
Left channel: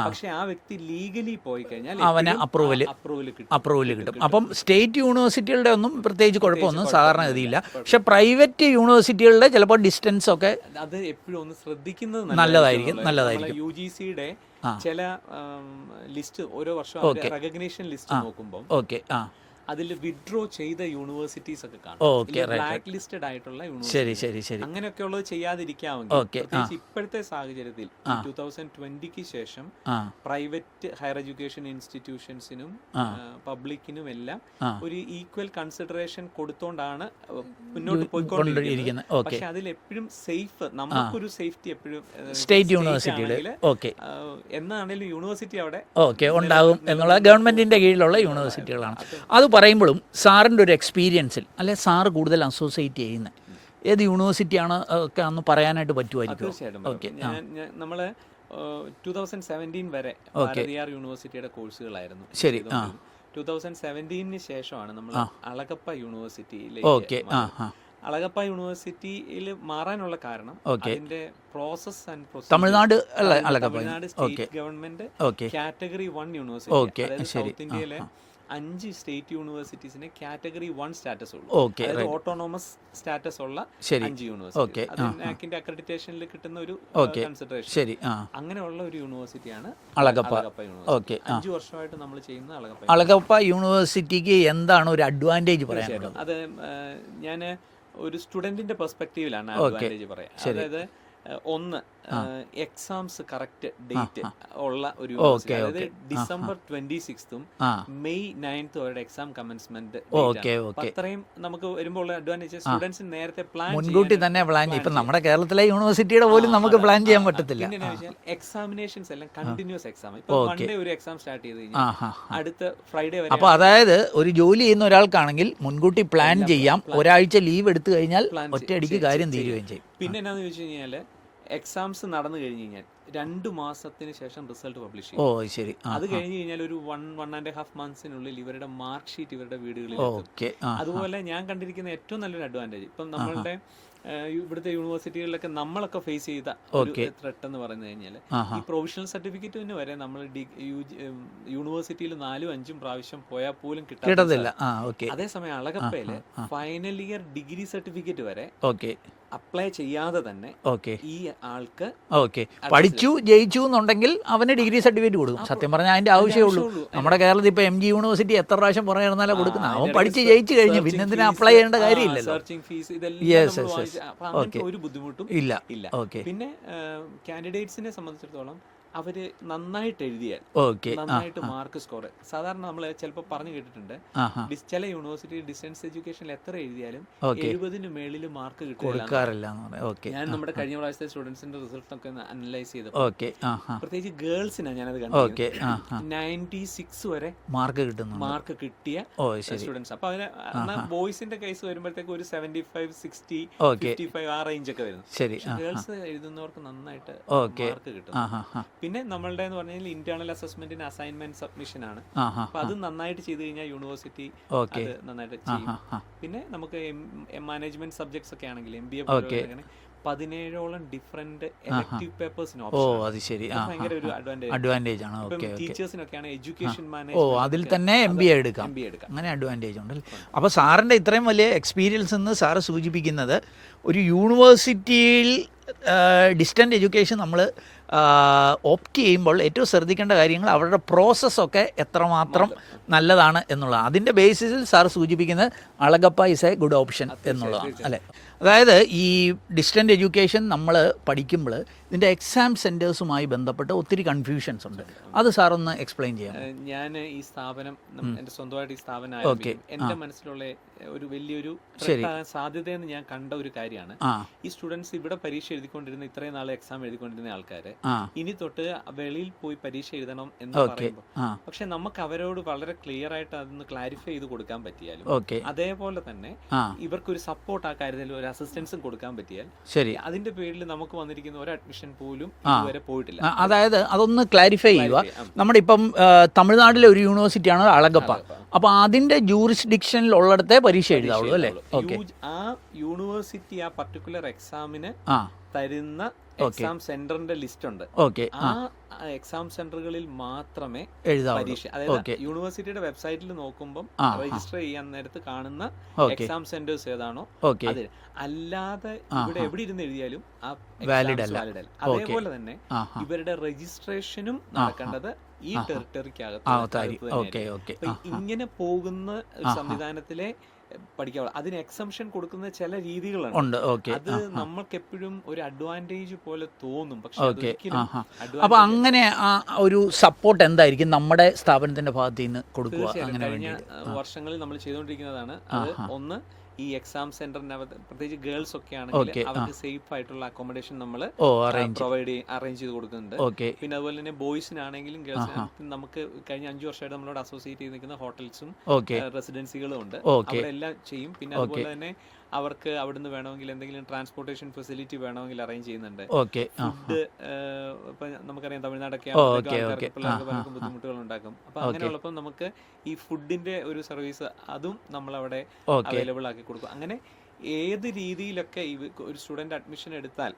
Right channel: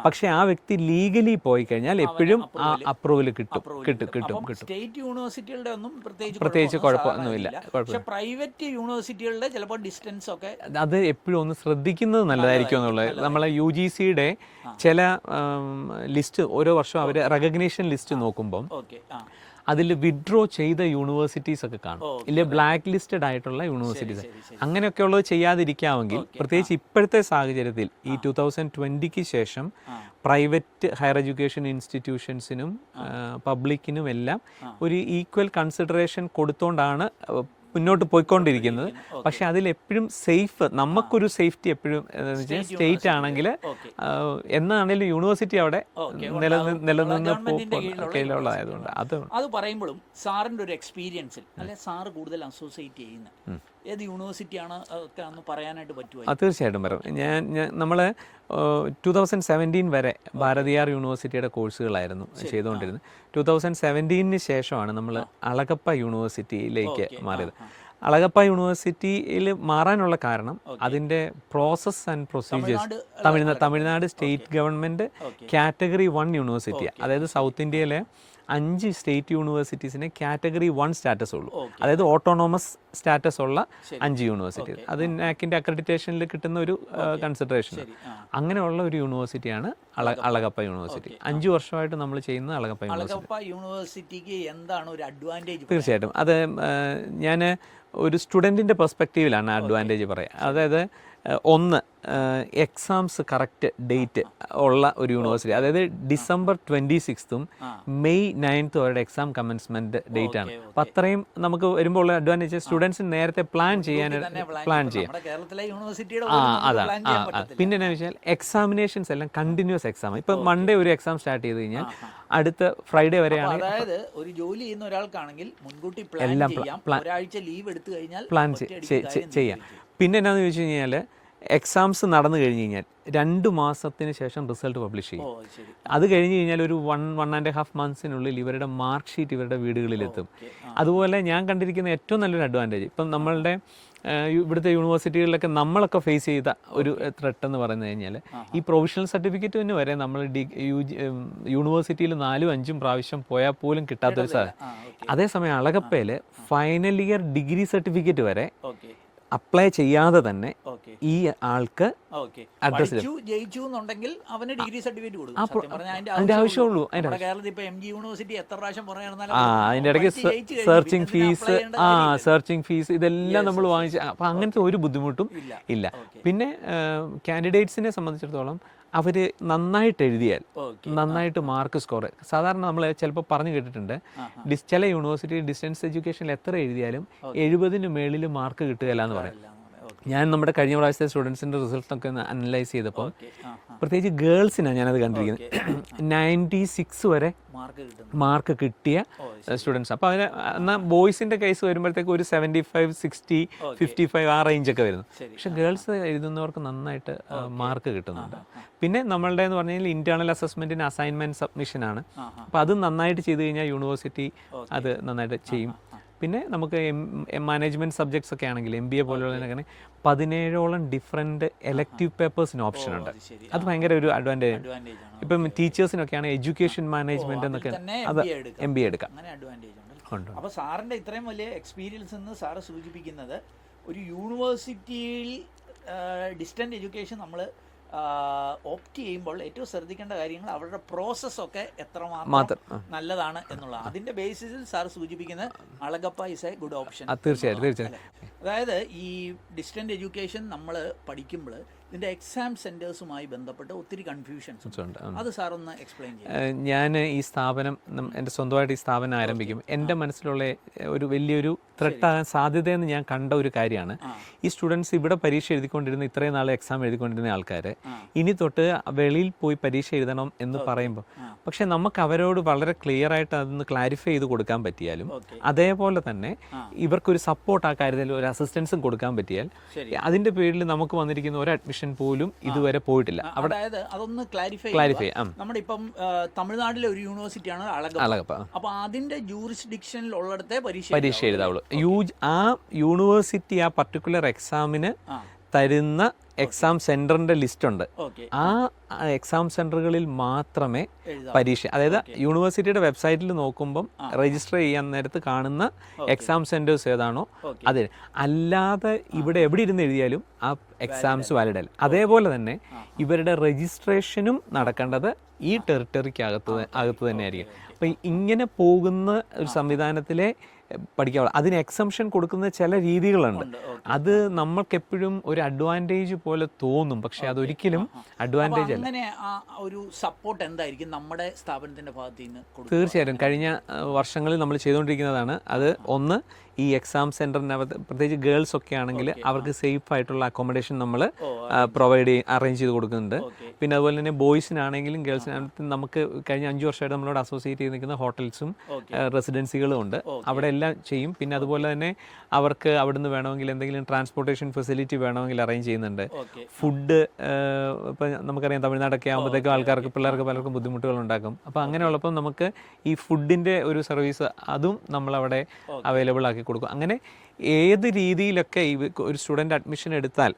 പക്ഷെ ആ വ്യക്തി ലീഗലി പോയി കഴിഞ്ഞാൽ അപ്രൂവൽ കിട്ടും. അപ്പം സ്റ്റേറ്റ് യൂണിവേഴ്സിറ്റികളുടെ ഒന്നും പ്രത്യേകിച്ച് കുഴപ്പമൊന്നും സാധാരണഗതിയില്ല. പക്ഷെ പ്രൈവറ്റ് യൂണിവേഴ്സിറ്റികളുടെ ചിലപ്പോൾ ഡിസ്റ്റൻസ് ഒക്കെ അത് എപ്പോഴും ഒന്ന് ശ്രദ്ധിക്കുന്നത് നല്ലതായിരിക്കും. നമ്മളെ UGCയുടെ ചില ലിസ്റ്റ് ഓരോ വർഷം അവര് റെക്കഗ്നീഷൻ ലിസ്റ്റ് നോക്കുമ്പോൾ അതിൽ വിഡ്രോ ചെയ്ത യൂണിവേഴ്സിറ്റീസ് ഒക്കെ കാണും, ഇല്ല ബ്ലാക്ക് ലിസ്റ്റഡ് ആയിട്ടുള്ള യൂണിവേഴ്സിറ്റി. അങ്ങനെയൊക്കെ ഉള്ളത് ചെയ്യാതിരിക്കാമെങ്കിൽ, പ്രത്യേകിച്ച് ഇപ്പോഴത്തെ സാഹചര്യത്തിൽ ഈ 2020 ശേഷം പ്രൈവറ്റ് ഹയർ എഡ്യൂക്കേഷൻ ഇൻസ്റ്റിറ്റ്യൂഷൻസിനും പബ്ലിക്കിനും എല്ലാം ഒരു ഈക്വൽ കൺസിഡറേഷൻ കൊടുത്തോണ്ടാണ് മുന്നോട്ട് പോയിക്കൊണ്ടിരിക്കുന്നത്. പക്ഷെ അതിൽ എപ്പോഴും സേഫ്, നമുക്കൊരു സേഫ്റ്റി എപ്പോഴും സ്റ്റേറ്റ് ആണെങ്കിൽ എന്നാണെങ്കിലും യൂണിവേഴ്സിറ്റി അവിടെ ഗവൺമെന്റിന്റെ കീഴിലുള്ള യൂണിവേഴ്സിറ്റികളാണ്. അത് പറയുമ്പോഴും സാറിന്റെ ഒരു എക്സ്പീരിയൻസിൽ അല്ലെ സാറ് കൂടുതൽ അസോസിയേറ്റ് ചെയ്യുന്ന ഏത് യൂണിവേഴ്സിറ്റിയാണ് ഒക്കെ ഒന്ന് പറയാനായിട്ട് പറ്റുമായിരിക്കും? തീർച്ചയായിട്ടും നമ്മള് 2017 വരെ ഭാരതിയാർ യൂണിവേഴ്സിറ്റിയുടെ കോഴ്സുകളായിരുന്നു ചെയ്തുകൊണ്ടിരുന്നത്. 2017 ശേഷമാണ് നമ്മൾ അളഗപ്പ യൂണിവേഴ്സിറ്റിയിലേക്ക് മാറിയത്. അളഗപ്പ യൂണിവേഴ്സിറ്റിയിൽ മാറാനുള്ള കാരണം അതിന്റെ process and procedure Tamil Nadu state government category 1 university, അതായത് സൗത്ത് ഇന്ത്യയിലെ 5 സ്റ്റേറ്റ് യൂണിവേഴ്സിറ്റീസിന് കാറ്റഗറി 1 സ്റ്റാറ്റസ് ഉള്ളൂ. Okay, അതായത് ഓട്ടോണോമസ് സ്റ്റാറ്റസ് ഉള്ള ശരി. 5 യൂണിവേഴ്സിറ്റി. അത് നാക്കിന്റെ അക്രഡിറ്റേഷനിൽ കിട്ടുന്ന ഒരു കൺസിഡറേഷൻ. ശരി. അങ്ങനെയുള്ള ഒരു യൂണിവേഴ്സിറ്റിയാണ് അളഗപ്പ യൂണിവേഴ്സിറ്റി. 5 വർഷമായിട്ട് നമ്മൾ ചെയ്യുന്ന അളഗപ്പ യൂണിവേഴ്സിറ്റിക്ക് എന്താണ് ഒരു അഡ്വാൻറ്റേജ്? തീർച്ചയായിട്ടും അത് ഞാൻ ഒരു സ്റ്റുഡൻറ്റിൻ്റെ പെർസ്പെക്റ്റീവിലാണ് അഡ്വാൻറ്റേജ് പറയാം. അതായത് ഒന്ന്, എക്സാംസ് കറക്റ്റ് ഡേറ്റ് ഉള്ള ഒരു യൂണിവേഴ്സിറ്റി. അതായത് ഡിസംബർ 26 മെയ് 9 വരെ എക്സാം കമൻസ്മെന്റ് ഡേറ്റ് ആണ്. അപ്പൊ അത്രയും നമുക്ക് വരുമ്പോൾ ഉള്ള അഡ്വാൻറ്റേജ് സ്റ്റുഡൻസിന് നേരത്തെ പ്ലാൻ ചെയ്യാൻ. നമ്മുടെ കേരളത്തിലെ യൂണിവേഴ്സിറ്റിയുടെ പോലും നമുക്ക് പ്ലാൻ ചെയ്യാൻ പറ്റത്തില്ല. പിന്നെ എന്താ വെച്ചാൽ എക്സാമിനേഷൻസ് എല്ലാം കണ്ടിന്യൂസ് എക്സാം. ഇപ്പൊ മൺഡേ ഒരു എക്സാം സ്റ്റാർട്ട് ചെയ്ത് കഴിഞ്ഞാൽ അടുത്ത ഫ്രൈഡേ വരെ. അപ്പൊ അതായത് ഒരു ജോലി ചെയ്യുന്ന ഒരാൾക്കാണെങ്കിൽ മുൻകൂട്ടി പ്ലാൻ ചെയ്യാം. ഒരാഴ്ച ലീവ് എടുത്തു കഴിഞ്ഞാൽ ഒറ്റയടിക്ക് കാര്യം ചെയ്യും. പിന്നെ എന്നാന്ന് ചോദിച്ചു കഴിഞ്ഞാൽ എക്സാംസ് നടന്നു കഴിഞ്ഞ് കഴിഞ്ഞാൽ 2 മാസത്തിന് ശേഷം റിസൾട്ട് പബ്ലിഷ് ചെയ്യും. ശരി. അത് കഴിഞ്ഞ് കഴിഞ്ഞാൽ ഒരു 1.5 മന്ത്സിനുള്ളിൽ ഇവരുടെ മാർക്ക് ഷീറ്റ് ഇവരുടെ വീടുകളിലെത്തും. അതുപോലെ ഞാൻ കണ്ടിരിക്കുന്ന ഏറ്റവും നല്ലൊരു അഡ്വാൻറ്റേജ്, ഇപ്പം നമ്മളുടെ ഇവിടുത്തെ യൂണിവേഴ്സിറ്റികളിലൊക്കെ നമ്മളൊക്കെ ഫേസ് ചെയ്ത ഒരു ത്രെട്ട് എന്ന് പറഞ്ഞു കഴിഞ്ഞാൽ ഈ പ്രൊവിഷണൽ സർട്ടിഫിക്കറ്റ് തന്നെ വരെ നമ്മൾ യൂണിവേഴ്സിറ്റിയിൽ 4-5 പ്രാവശ്യം പോയാൽ പോലും കിട്ടാത്തില്ല. അതേസമയം അളഗപ്പയില് ഫൈനൽ ഇയർ ഡിഗ്രി സർട്ടിഫിക്കറ്റ് വരെ അപ്ലൈ ചെയ്യാതെ തന്നെ ഈ ആൾക്ക് പഠിച്ചു ജയിച്ചു എന്നുണ്ടെങ്കിൽ അവന് ഡിഗ്രി സർട്ടിഫിക്കറ്റ് കൊടുക്കും. സത്യം പറഞ്ഞാൽ അതിന്റെ ആവശ്യമുള്ളൂ. നമ്മുടെ കേരളത്തിൽ ഇപ്പൊ MG യൂണിവേഴ്സിറ്റി എത്ര പ്രാവശ്യം പറഞ്ഞാലും അപ്ലൈ ചെയ്യേണ്ട കാര്യമില്ല. സെർച്ചിങ് ഫീസ് ഇതെല്ലാം നമ്മൾ വാങ്ങിച്ചു. അപ്പൊ അങ്ങനത്തെ ഒരു ബുദ്ധിമുട്ടും ഇല്ല. പിന്നെ കാൻഡിഡേറ്റ്സിനെ സംബന്ധിച്ചിടത്തോളം അവര് നന്നായിട്ട് എഴുതിയാൽ നന്നായിട്ട് മാർക്ക് സ്കോർ. സാധാരണ നമ്മൾ ചിലപ്പോൾ പറഞ്ഞു കേട്ടിട്ടുണ്ട്, ചില യൂണിവേഴ്സിറ്റി ഡിസ്റ്റൻസ് എഡ്യൂക്കേഷനിൽ എത്ര എഴുതിയാലും 70-ന് മേളിൽ മാർക്ക് കിട്ടുകയില്ല. ഞാൻ നമ്മുടെ കഴിഞ്ഞ പ്രാവശ്യത്തെ സ്റ്റുഡൻസിന്റെ റിസൾട്ട് ഒക്കെ അനലൈസ് ചെയ്തപ്പോൾ പ്രത്യേകിച്ച് ഗേൾസിനാണ് ഞാനത് കണ്ടിരിക്കുന്നത്. 96 വരെ മാർക്ക് കിട്ടിയ സ്റ്റുഡൻസ്. അപ്പൊ അതിന് എന്നാൽ ബോയ്സിന്റെ കേസ് വരുമ്പോഴത്തേക്ക് ഒരു 75, 60, 55 ആ റേഞ്ച് ഒക്കെ വരുന്നു. പക്ഷെ ഗേൾസ് എഴുതുന്നവർക്ക് നന്നായിട്ട് മാർക്ക് കിട്ടുന്നു. പിന്നെ നമ്മളുടെ എന്ന് പറഞ്ഞാൽ ഇന്റേണൽ അസസ്മെന്റിന് അസൈൻമെന്റ് സബ്മിഷൻ ആണ്. അപ്പൊ അത് നന്നായിട്ട് ചെയ്ത് കഴിഞ്ഞാൽ യൂണിവേഴ്സിറ്റി അത് നന്നായിട്ട് ചെയ്യും. പിന്നെ നമുക്ക് മാനേജ്മെന്റ് സബ്ജക്ട്സ് ഒക്കെ ആണെങ്കിൽ MBA പോലെ 17ഓളം ഡിഫറെന്റ് എലക്ടീവ് പേപ്പേഴ്സിന് ഓപ്ഷൻ. അത് ഭയങ്കര ഒരു അഡ്വാൻറ്റേജ് ആണ്. ഇപ്പം ടീച്ചേഴ്സിനൊക്കെയാണ് എഡ്യൂക്കേഷൻ മാനേജ്മെന്റ് അതിൽ തന്നെ MBA എടുക്കാം. അങ്ങനെ അഡ്വാൻറ്റേജ് ഉണ്ട്. അപ്പോൾ സാറിന്റെ ഇത്രയും വലിയ എക്സ്പീരിയൻസ് എന്ന് സാറ് സൂചിപ്പിക്കുന്നത് ഒരു യൂണിവേഴ്സിറ്റിയിൽ ഡിസ്റ്റന്റ് എഡ്യൂക്കേഷൻ നമ്മൾ ഓപ്റ്റ് ചെയ്യുമ്പോൾ ഏറ്റവും ശ്രദ്ധിക്കേണ്ട കാര്യങ്ങൾ അവരുടെ പ്രോസസ്സൊക്കെ എത്രമാത്രം നല്ലതാണ് എന്നുള്ളതാണ്. അതിൻ്റെ ബേസിസിൽ സാർ സൂചിപ്പിക്കുന്നത് Alagappa is A good option അല്ലേ? അതായത് ഈ ഡിസ്റ്റന്റ് എഡ്യൂക്കേഷൻ നമ്മൾ പഠിക്കുമ്പോൾ ഇതിൻ്റെ എക്സാം സെൻറ്റേഴ്സുമായി ബന്ധപ്പെട്ട് ഒത്തിരി കൺഫ്യൂഷൻസ് ഉണ്ട്. അത് സാർ ഒന്ന് എക്സ്പ്ലെയിൻ ചെയ്യാം. ഞാൻ ഈ സ്ഥാപനം എൻ്റെ സ്വന്തമായിട്ട് ഈ സ്ഥാപനം ആരംഭിക്കും. എൻ്റെ മനസ്സിലുള്ള ഒരു വലിയൊരു ത്രെട്ടാകാൻ സാധ്യതയെന്ന് ഞാൻ കണ്ട ഒരു കാര്യമാണ് ഈ സ്റ്റുഡൻസ് ഇവിടെ പരീക്ഷ എഴുതിക്കൊണ്ടിരുന്ന ഇത്രയും നാളെ എക്സാം എഴുതിക്കൊണ്ടിരുന്ന ആൾക്കാർ ഇനി തൊട്ട് വെളിയിൽ പോയി പരീക്ഷ എഴുതണം എന്ന് പറയുമ്പോൾ പക്ഷെ നമുക്ക് അവരോട് വളരെ ക്ലിയർ ആയിട്ട് അതൊന്ന് ക്ലാരിഫൈ ചെയ്ത് കൊടുക്കാൻ പറ്റിയാലും അതേപോലെ തന്നെ ഇവർക്കൊരു സപ്പോർട്ട് ആ കാര്യത്തിൽ ഒരു അസിസ്റ്റൻസും കൊടുക്കാൻ പറ്റിയാൽ ശരി, അതിന്റെ പേരിൽ നമുക്ക് വന്നിരിക്കുന്ന ഒരു അഡ്മിഷൻ പോലും ഇതുവരെ പോയിട്ടില്ല. അതായത് അതൊന്ന് ക്ലാരിഫൈ ചെയ്യുക. നമ്മുടെ ഇപ്പം തമിഴ്നാട്ടിലെ ഒരു യൂണിവേഴ്സിറ്റിയാണ് അളഗപ്പ. അപ്പൊ അതിന്റെ ജൂറിസ്ഡിക്ഷനിൽ ഉള്ളിടത്തെ പരീക്ഷ ആ യൂണിവേഴ്സിറ്റി ആ പർട്ടിക്കുലർ എക്സാമിന് തരുന്ന എക്സാം സെന്ററിന്റെ ലിസ്റ്റ് ഉണ്ട്. ആ എക്സാം സെന്ററുകളിൽ മാത്രമേ പരീക്ഷ, അതായത് യൂണിവേഴ്സിറ്റിയുടെ വെബ്സൈറ്റിൽ നോക്കുമ്പോൾ രജിസ്റ്റർ ചെയ്യാൻ നേരത്ത് കാണുന്ന എക്സാം സെന്റേഴ്സ് ഏതാണോ അത്, അല്ലാതെ ഇവിടെ എവിടെ ഇരുന്ന് എഴുതിയാലും ആ എക്സാംസ് വാലിഡ് അല്ല. അതേപോലെ തന്നെ ഇവരുടെ രജിസ്ട്രേഷനും നടക്കേണ്ടത് ഈ ടെറിട്ടറിക്കകത്ത് തന്നെയായിരിക്കും. അപ്പൊ ഇങ്ങനെ പോകുന്ന ഒരു സംവിധാനത്തിലെ പഠിക്കാവുള്ളൂ. അതിന് എക്സംഷൻ കൊടുക്കുന്ന ചില രീതികളുണ്ട്. അത് നമ്മൾക്ക് എപ്പോഴും ഒരു അഡ്വാൻറ്റേജ് പോലെ തോന്നും, പക്ഷെ അതൊരിക്കലും അഡ്വാൻറ്റേജ്. അങ്ങനെ ഒരു സപ്പോർട്ട് എന്തായിരിക്കും നമ്മുടെ സ്ഥാപനത്തിന്റെ ഭാഗത്ത് നിന്ന് കൊടുക്കുക? തീർച്ചയായിട്ടും കഴിഞ്ഞ വർഷങ്ങളിൽ നമ്മൾ ചെയ്തുകൊണ്ടിരിക്കുന്നതാണ് അത്. ഒന്ന്, ഈ എക്സാം സെന്ററിനകത്ത് പ്രത്യേകിച്ച് ഗേൾസ് ഒക്കെ ആണെങ്കിൽ അവർക്ക് സേഫ് ആയിട്ടുള്ള അക്കോമഡേഷൻ നമ്മൾ അറേഞ്ച് ചെയ്ത് കൊടുക്കുന്നുണ്ട്. പിന്നെ അതുപോലെ തന്നെ ബോയ്സിനാണെങ്കിലും ഗേൾസിനാണെങ്കിലും നമുക്ക് കഴിഞ്ഞ 5 വർഷമായിട്ട് നമ്മളോട് അസോസിയേറ്റ് ചെയ്ത് നിൽക്കുന്ന ഹോട്ടൽസും റെസിഡൻസികളും ഉണ്ട്. അവിടെ എല്ലാം ചെയ്യും. പിന്നെ അതുപോലെ തന്നെ അവർക്ക് അവിടുന്ന് വേണമെങ്കിൽ എന്തെങ്കിലും ട്രാൻസ്പോർട്ടേഷൻ ഫെസിലിറ്റി വേണമെങ്കിൽ അറേഞ്ച് ചെയ്യുന്നുണ്ട്. ഫുഡ് ഇപ്പൊ നമുക്കറിയാം തമിഴ്നാടൊക്കെ ആകുമ്പോഴത്തേക്കും ആൾക്കാർക്ക് പിള്ളേർക്ക് പലർക്കും ബുദ്ധിമുട്ടുകൾ ഉണ്ടാക്കും. അപ്പൊ അങ്ങനെയുള്ളപ്പോൾ നമുക്ക് ഈ ഫുഡിന്റെ ഒരു സർവീസ് അതും നമ്മൾ അവിടെ അവൈലബിൾ ആക്കി കൊടുക്കും. അങ്ങനെ ഏത് രീതിയിലൊക്കെ ഒരു സ്റ്റുഡന്റ് അഡ്മിഷൻ എടുത്താൽ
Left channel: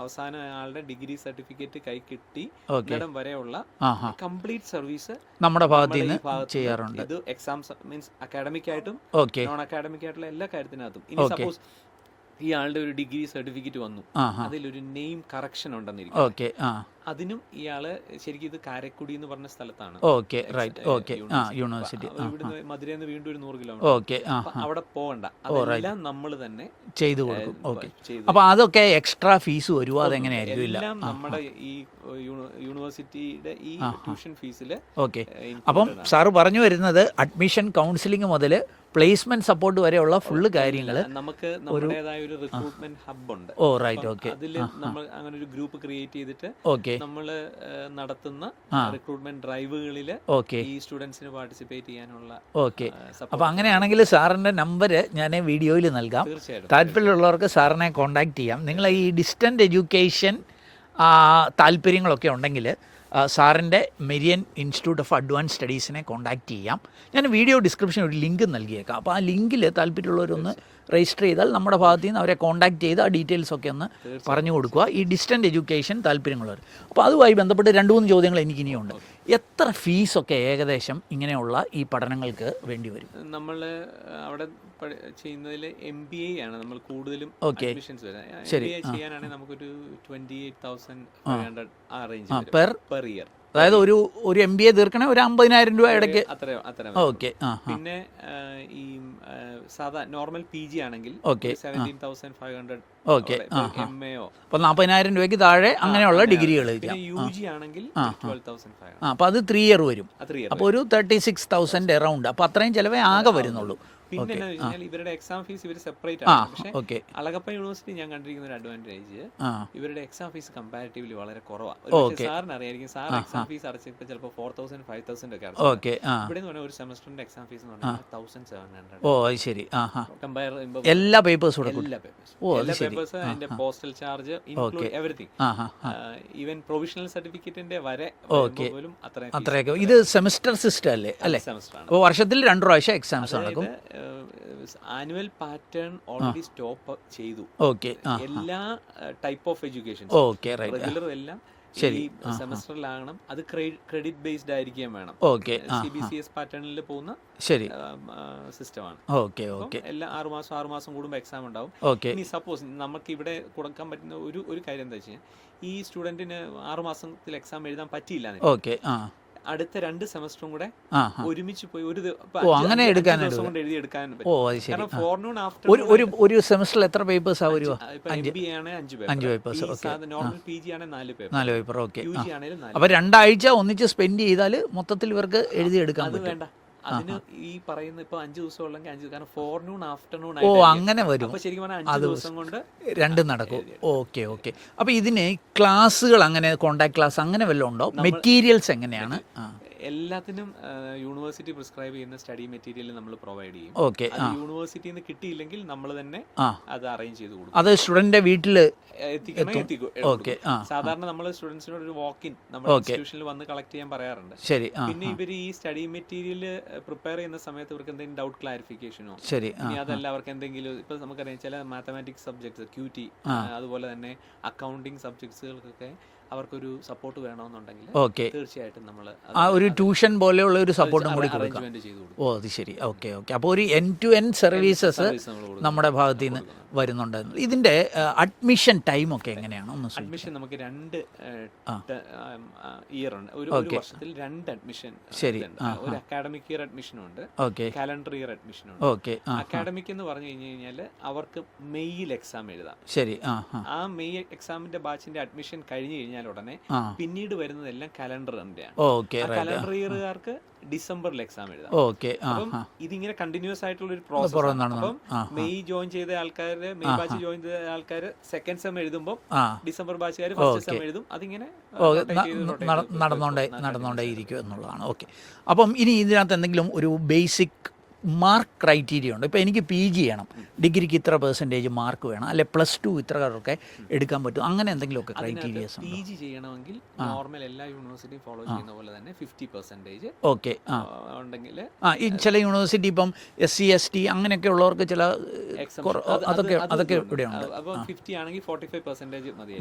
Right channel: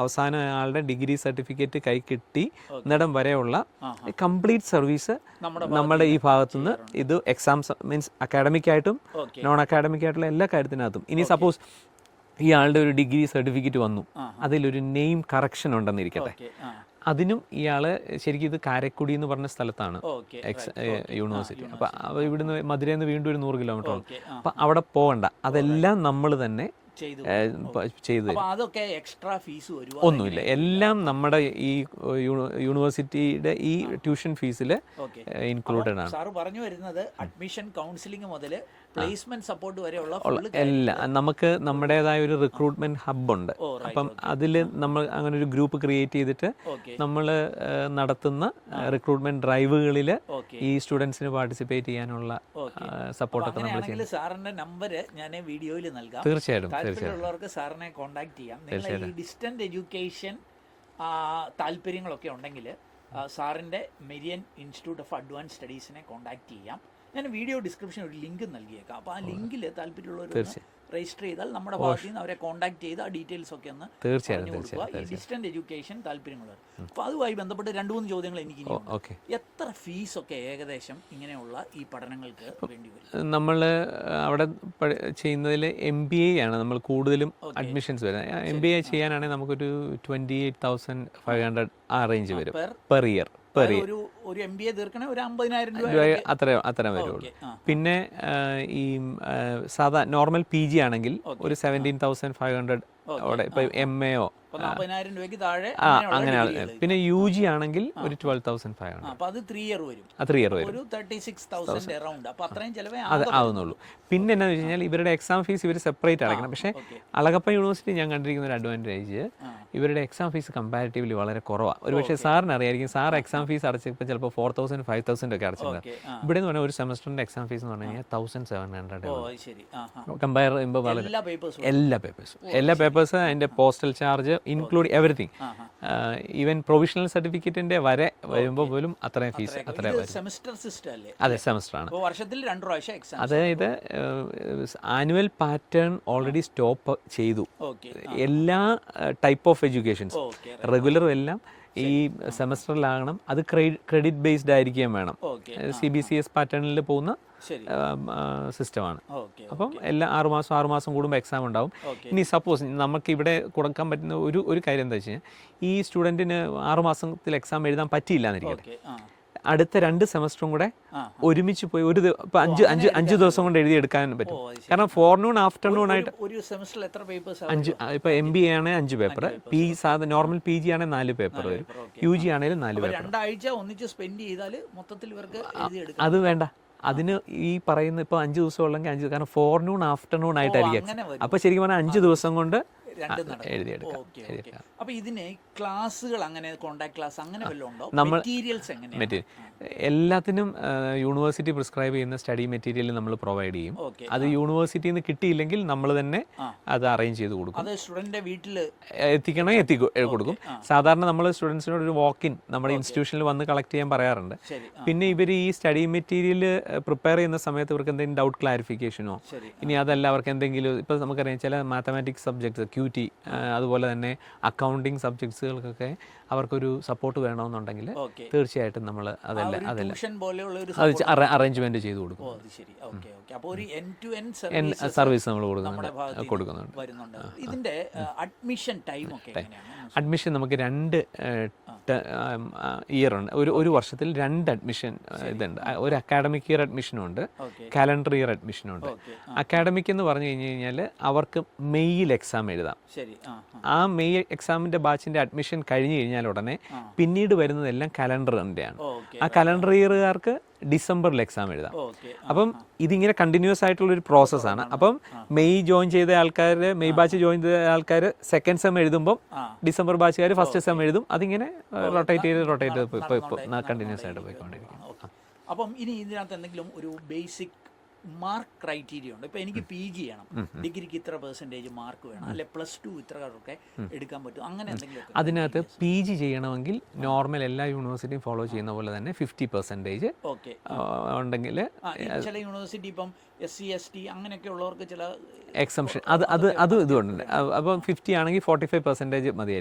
അവസാന ആളുടെ ഡിഗ്രി സർട്ടിഫിക്കറ്റ് കൈ കിട്ടി എന്നിടം വരെയുള്ള കംപ്ലീറ്റ് സർവീസ് നമ്മുടെ ഈ ഭാഗത്ത് ഇത് എക്സാംസ് മീൻസ് അക്കാഡമിക് ആയിട്ടും നോൺ അക്കാഡമിക് ആയിട്ടുള്ള എല്ലാ കാര്യത്തിനകത്തും. ഇനി സപ്പോസ് ഈ ആളുടെ ഒരു ഡിഗ്രി സർട്ടിഫിക്കറ്റ് വന്നു, അതിലൊരു നെയിം കറക്ഷൻ ഉണ്ടെന്നിരിക്കും, അതിനും ഇയാള് ശരിക്കും ഇത് കാരക്കുടി എന്ന് പറഞ്ഞ സ്ഥലത്താണ് ഇവിടുന്ന് മധുരയിൽ നിന്ന് വീണ്ടും ഒരു 100 കിലോമീറ്റർ. അപ്പൊ അവിടെ പോകണ്ട, അതെല്ലാം നമ്മൾ തന്നെ ചെയ്തു. അപ്പൊ അതൊക്കെ എക്സ്ട്രാ ഫീസ് വരുമോ? എല്ലാം നമ്മുടെ ഈ യൂണിവേഴ്സിറ്റിയുടെ ഈ ട്യൂഷൻ ഫീസിൽ. അപ്പം സാറ് പറഞ്ഞു വരുന്നത് അഡ്മിഷൻ കൗൺസിലിംഗ് മുതൽ പ്ലേസ്മെന്റ് സപ്പോർട്ട് വരെയുള്ള ഫുള്ള് കാര്യമില്ല. നമുക്ക് നമ്മുടേതായ ഒരു റിക്രൂട്ട്മെന്റ് ഹബ് ഉണ്ട്. അതില് നമ്മൾ അങ്ങനെ ഒരു ഗ്രൂപ്പ് ക്രിയേറ്റ് ചെയ്തിട്ട് നമ്മൾ നടത്തുന്ന റിക്രൂട്ട്മെന്റ് ഡ്രൈവുകളിൽ ഈ സ്റ്റുഡൻസിന് പാർട്ടിസിപ്പേറ്റ് ചെയ്യാനുള്ള സപ്പോർട്ട്. അപ്പൊ അങ്ങനെയാണെങ്കിൽ സാറിന്റെ നമ്പർ ഞാൻ വീഡിയോയിൽ നൽകാം. തീർച്ചയായിട്ടും താല്പര്യമുള്ളവർക്ക് സാറിനെ കോൺടാക്ട് ചെയ്യാം. നിങ്ങൾ ഈ ഡിസ്റ്റന്റ് എഡ്യൂക്കേഷൻ താല്പര്യങ്ങളൊക്കെ ഉണ്ടെങ്കിൽ സാറിൻ്റെ മെരിയൻ ഇൻസ്റ്റിറ്റ്യൂട്ട് ഓഫ് അഡ്വാൻസ് സ്റ്റഡീസിനെ കോൺടാക്ട് ചെയ്യാം. ഞാൻ വീഡിയോ ഡിസ്ക്രിപ്ഷൻ ഒരു ലിങ്ക് നൽകിയേക്കാം. അപ്പോൾ ആ ലിങ്കിൽ താല്പര്യമുള്ളവരൊന്ന് രജിസ്റ്റർ ചെയ്താൽ നമ്മുടെ ഭാഗത്ത് നിന്ന് അവരെ കോൺടാക്ട് ചെയ്ത് ആ ഡീറ്റെയിൽസ് ഒക്കെ ഒന്ന് പറഞ്ഞു കൊടുക്കുക, ഈ ഡിസ്റ്റന്റ് എഡ്യൂക്കേഷൻ താല്പര്യമുള്ളവർ. അപ്പോൾ അതുമായി ബന്ധപ്പെട്ട് 2-3 ചോദ്യങ്ങൾ എനിക്ക് ഇനിയുണ്ട്. എത്ര ഫീസൊക്കെ ഏകദേശം ഇങ്ങനെയുള്ള ഈ പഠനങ്ങൾക്ക് വേണ്ടി വരും? നമ്മൾ അവിടെ ചെയ്യുന്നതിൽ MBA ആണ് നമ്മൾ കൂടുതലും അഡ്മിഷൻസ് വരുന്നത്. MBA ചെയ്യാനാണെങ്കിൽ നമുക്കൊരു 28,500 ആ റേഞ്ച് വരും പെർ ഇയർ. അതായത് ഒരു MBA തീർക്കണേ ഒരു 50,000 രൂപ ഇടയ്ക്ക് അത്ര. പിന്നെ ഈ സാധാ നോർമൽ PG ആണെങ്കിൽ 17,500 MAO 40,000 രൂപയ്ക്ക് താഴെ അങ്ങനെയുള്ള ഡിഗ്രികൾ. പിന്നെ UG ആണെങ്കിൽ 12,500. അപ്പൊ അത് 3 ഇയർ വരും. അപ്പൊ ഒരു 36,000 അറൗണ്ട്. അപ്പൊ അത്രയും ചിലവേ ആകെ വരുന്നുള്ളൂ. പിന്നെ എന്താ വെച്ച് കഴിഞ്ഞാൽ ഇവരുടെ എക്സാം ഫീസ് ഇവർ സെപ്പറേറ്റ് ആണ്. പക്ഷേ അളഗപ്പ യൂണിവേഴ്സിറ്റി ഞാൻ കണ്ടിരിക്കുന്ന ഒരു അഡ്വാൻറ്റേജ് ഇവരുടെ എക്സാം ഫീസ് കമ്പാരിറ്റീവ്ലി വളരെ കുറവാണ്. ഒരു പക്ഷേ സാറിന് അറിയായിരിക്കും, സാർ എക്സാം ഫീസ് അടച്ചപ്പോൾ ചിലപ്പോൾ 4,000 5,000 ഒക്കെ അടച്ചു. ഇവിടെ എന്ന് പറഞ്ഞാൽ ഒരു സെമസ്റ്ററിന്റെ എക്സാം ഫീസ് എന്ന് പറഞ്ഞാൽ 1,700. കമ്പയർ ചെയ്യുമ്പോൾ എല്ലാ പേപ്പേഴ്സും അതിന്റെ postal charge include everything, even provisional സർട്ടിഫിക്കറ്റിന്റെ വരെ വരുമ്പോൾ പോലും അത്രയും. ഇത് സെമസ്റ്റർ സിസ്റ്റം അല്ലേ? അല്ലെ, സെമസ്റ്റർ ആണ്. വർഷത്തിൽ 2 പ്രാവശ്യം എക്സാം. അതായത് ആനുവൽ പാറ്റേൺ ഓൾറെഡി സ്റ്റോപ്പ് ചെയ്തു. എല്ലാ ടൈപ്പ് ഓഫ് എഡ്യൂക്കേഷൻ റെഗുലറും എല്ലാം ഈ സെമസ്റ്ററിലാകണം. അത് ക്രെഡിറ്റ് ബേസ്ഡ് ആയിരിക്കാൻ വേണം. CBCS പാറ്റേണിൽ പോകുന്ന സിസ്റ്റമാണ്. എല്ലാ 6 മാസം കൂടുമ്പോൾ എക്സാം ഉണ്ടാവും. ഇനി സപ്പോസ് നമുക്ക് ഇവിടെ കൊടുക്കാൻ പറ്റുന്ന ഒരു കാര്യം എന്താ വെച്ച് കഴിഞ്ഞാൽ, ഈ സ്റ്റുഡന്റിന് 6 മാസത്തിൽ എക്സാം എഴുതാൻ പറ്റിയില്ല, അടുത്ത 2 സെമസ്റ്ററും കൂടെ ഒരുമിച്ച് പോയി 5 ദിവസം കൊണ്ട് എഴുതിയെടുക്കാൻ പറ്റും. കാരണം ഫോർനൂൺ ആഫ്റ്റർനൂൺ ഒരു സെമസ്റ്ററിൽ എത്ര പേപ്പേഴ്സ്? ഇപ്പൊ MBA ആണ് 5 പേപ്പർ, നോർമൽ PG ആണ് 4 പേപ്പർ, UG ആണെങ്കിലും 4. അപ്പൊ 2 ആഴ്ച ഒന്നിച്ച് സ്പെൻഡ് ചെയ്താൽ മൊത്തത്തിൽ ഇവർക്ക് എഴുതിയെടുക്കാം. അത് വേണ്ട, അതിന് ഈ പറയുന്ന ഇപ്പൊ 5 ദിവസം ഉള്ളെങ്കിൽ 5, കാരണം ഫോർനൂൺ ആഫ്റ്റർനൂൺ ആയിട്ട് അങ്ങനെ വരും. അപ്പൊ ശരിക്കും പറഞ്ഞാൽ 5 ദിവസം കൊണ്ട് 2 നടക്കും. ഓക്കെ. അപ്പൊ ഇതിന് ക്ലാസ്സുകൾ അങ്ങനെ കോണ്ടാക്ട് ക്ലാസ് അങ്ങനെ വല്ലതും ഉണ്ടോ? മെറ്റീരിയൽസ് എങ്ങനെയാണ്? എല്ലാത്തിനും യൂണിവേഴ്സിറ്റി പ്രിസ്ക്രൈബ് ചെയ്യുന്ന സ്റ്റഡി മെറ്റീരിയൽ നമ്മൾ പ്രൊവൈഡ് ചെയ്യും. അത് യൂണിവേഴ്സിറ്റിയിൽ നിന്ന് കിട്ടിയില്ലെങ്കിൽ നമ്മൾ തന്നെ അത് അറേഞ്ച് ചെയ്ത് കൊടുക്കും. അത് സ്റ്റുഡന്റിന്റെ വീട്ടിൽ കൊടുക്കും. സാധാരണ നമ്മൾ സ്റ്റുഡൻസിനോട് ഒരു വാക്ക് ഇൻ നമ്മുടെ ഇൻസ്റ്റിറ്റ്യൂഷനിൽ വന്ന് കളക്ട് ചെയ്യാൻ പറയാറുണ്ട്. പിന്നെ ഇവർ ഈ സ്റ്റഡി മെറ്റീരിയൽ പ്രിപ്പയർ ചെയ്യുന്ന സമയത്ത് ഇവർക്ക് എന്തെങ്കിലും ഡൗട്ട് ക്ലാരിഫിക്കേഷനോ, ഇനി അതല്ല അവർക്ക് എന്തെങ്കിലും ഇപ്പൊ നമുക്കറിയാം ചില മാത്തമാറ്റിക്സ് സബ്ജക്ട്സ് QT അതുപോലെ തന്നെ അക്കൗണ്ടിങ് സബ്ജക്ട്സുകൾക്കൊക്കെ അവർക്കൊരു സപ്പോർട്ട് വേണമെന്നുണ്ടെങ്കിൽ തീർച്ചയായിട്ടും നമ്മൾ ഒരു ട്യൂഷൻ പോലെയുള്ള ഒരു സപ്പോർട്ട് അറേഞ്ച്മെന്റ് ചെയ്തു കൊടുക്കും. അത് ശരി. ഓക്കെ. അപ്പോൾ ഒരു എൻഡ് ടു എൻഡ് സർവീസസ് നമ്മുടെ ഭാഗത്ത് വരുന്നുണ്ട്. ഇതിന്റെ അഡ്മിഷൻ ടൈം ഒക്കെ എങ്ങനെയാണ്? അഡ്മിഷൻ നമുക്ക് 2 ഇയർ ഉണ്ട്. ഒരു വർഷത്തിൽ 2 അഡ്മിഷൻ ഉണ്ട്. ഒരു അക്കാഡമിക് ഇയർ അഡ്മിഷനും ഉണ്ട്, കാലണ്ടർ ഇയർ അഡ്മിഷനും ഉണ്ട്. അക്കാഡമിക് എന്ന് പറഞ്ഞു കഴിഞ്ഞാൽ അവർക്ക് മെയ്യിൽ എക്സാം എഴുതാം. ആ മെയ് എക്സാമിന്റെ ബാച്ചിന്റെ അഡ്മിഷൻ കഴിഞ്ഞു കഴിഞ്ഞാൽ ഉടനെ പിന്നീട് വരുന്നതെല്ലാം കലണ്ടറിന്റെയാണ്. ആ കലണ്ടർ ഇയറുകാർക്ക് ഡിസംബറിൽ എക്സാം എഴുതാം. അപ്പം ഇതിങ്ങനെ കണ്ടിന്യൂസ് ആയിട്ടുള്ള ഒരു പ്രോസസ്സാണ്. അപ്പം മെയ് ജോയിൻ ചെയ്ത ആൾക്കാര്, മെയ് ബാച്ച് ജോയിൻ ചെയ്ത ആൾക്കാര് സെക്കൻഡ് സെം എഴുതുമ്പോൾ ഡിസംബർ ബാച്ചുകാർ ഫസ്റ്റ് സെം എഴുതും. അതിങ്ങനെ നടന്നുകൊണ്ടേയിരിക്കും എന്നുള്ളതാണ്. ഓക്കെ. അപ്പം ഇനി ഇതിനകത്ത് എന്തെങ്കിലും ഒരു ബേസിക് മാർക്ക് ക്രൈറ്റീരിയ ഉണ്ട്. ഇപ്പോൾ എനിക്ക് PG ചെയ്യണം, ഡിഗ്രിക്ക് ഇത്ര പെർസെൻറ്റേജ് മാർക്ക് വേണം, അല്ലെ +2 ഇത്രയൊക്കെ എടുക്കാൻ പറ്റും, അങ്ങനെ എന്തെങ്കിലുമൊക്കെ? അതിനകത്ത് PG ചെയ്യണമെങ്കിൽ നോർമൽ എല്ലാ യൂണിവേഴ്സിറ്റിയും ഫോളോ ചെയ്യുന്ന പോലെ തന്നെ 50% ഓക്കെ ഉണ്ടെങ്കിൽ ഈ ചില യൂണിവേഴ്സിറ്റി ഇപ്പം SC ST അങ്ങനെയൊക്കെ ഉള്ളവർക്ക് ചില എക്സംഷൻ അപ്പം 50 ആണെങ്കിൽ 45% മതി.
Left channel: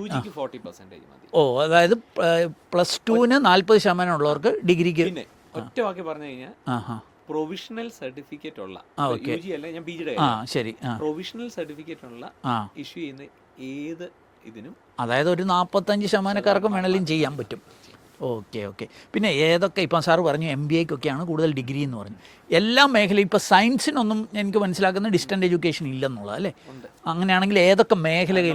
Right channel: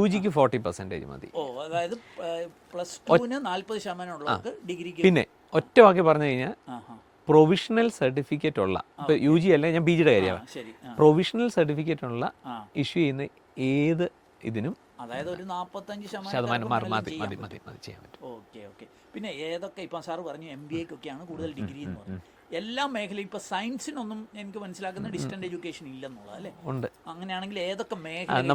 UGക്ക് 40% മതി. അതായത് +2-ന് 40% ഉള്ളവർക്ക് ഡിഗ്രിക്ക്. പിന്നെ ഒറ്റ വാക്കി പറഞ്ഞു കഴിഞ്ഞാൽ പ്രൊവിഷണൽ സർട്ടിഫിക്കറ്റ് ഉള്ള UG അല്ല, ഞാൻ PGയുടെ കാര്യം, ശരി, പ്രൊവിഷണൽ സർട്ടിഫിക്കറ്റ് ഉള്ള ഇഷ്യൂ ചെയ്യുന്ന ഏത് ഇതിനും, അതായത് ഒരു 45% വേണമെങ്കിലും ചെയ്യാൻ പറ്റും. ഓക്കെ. പിന്നെ ഏതൊക്കെ, ഇപ്പം സാറ് പറഞ്ഞു MBAക്കൊക്കെയാണ് കൂടുതൽ ഡിഗ്രി എന്ന് പറഞ്ഞു, എല്ലാ മേഖലയും ഇപ്പോൾ സയൻസിനൊന്നും എനിക്ക് മനസ്സിലാക്കുന്ന ഡിസ്റ്റന്റ് എഡ്യൂക്കേഷൻ ഇല്ലെന്നുള്ളത് അല്ലേ? ഉണ്ട്. അങ്ങനെയാണെങ്കിൽ ഏതൊക്കെ മേഖലകളിൽ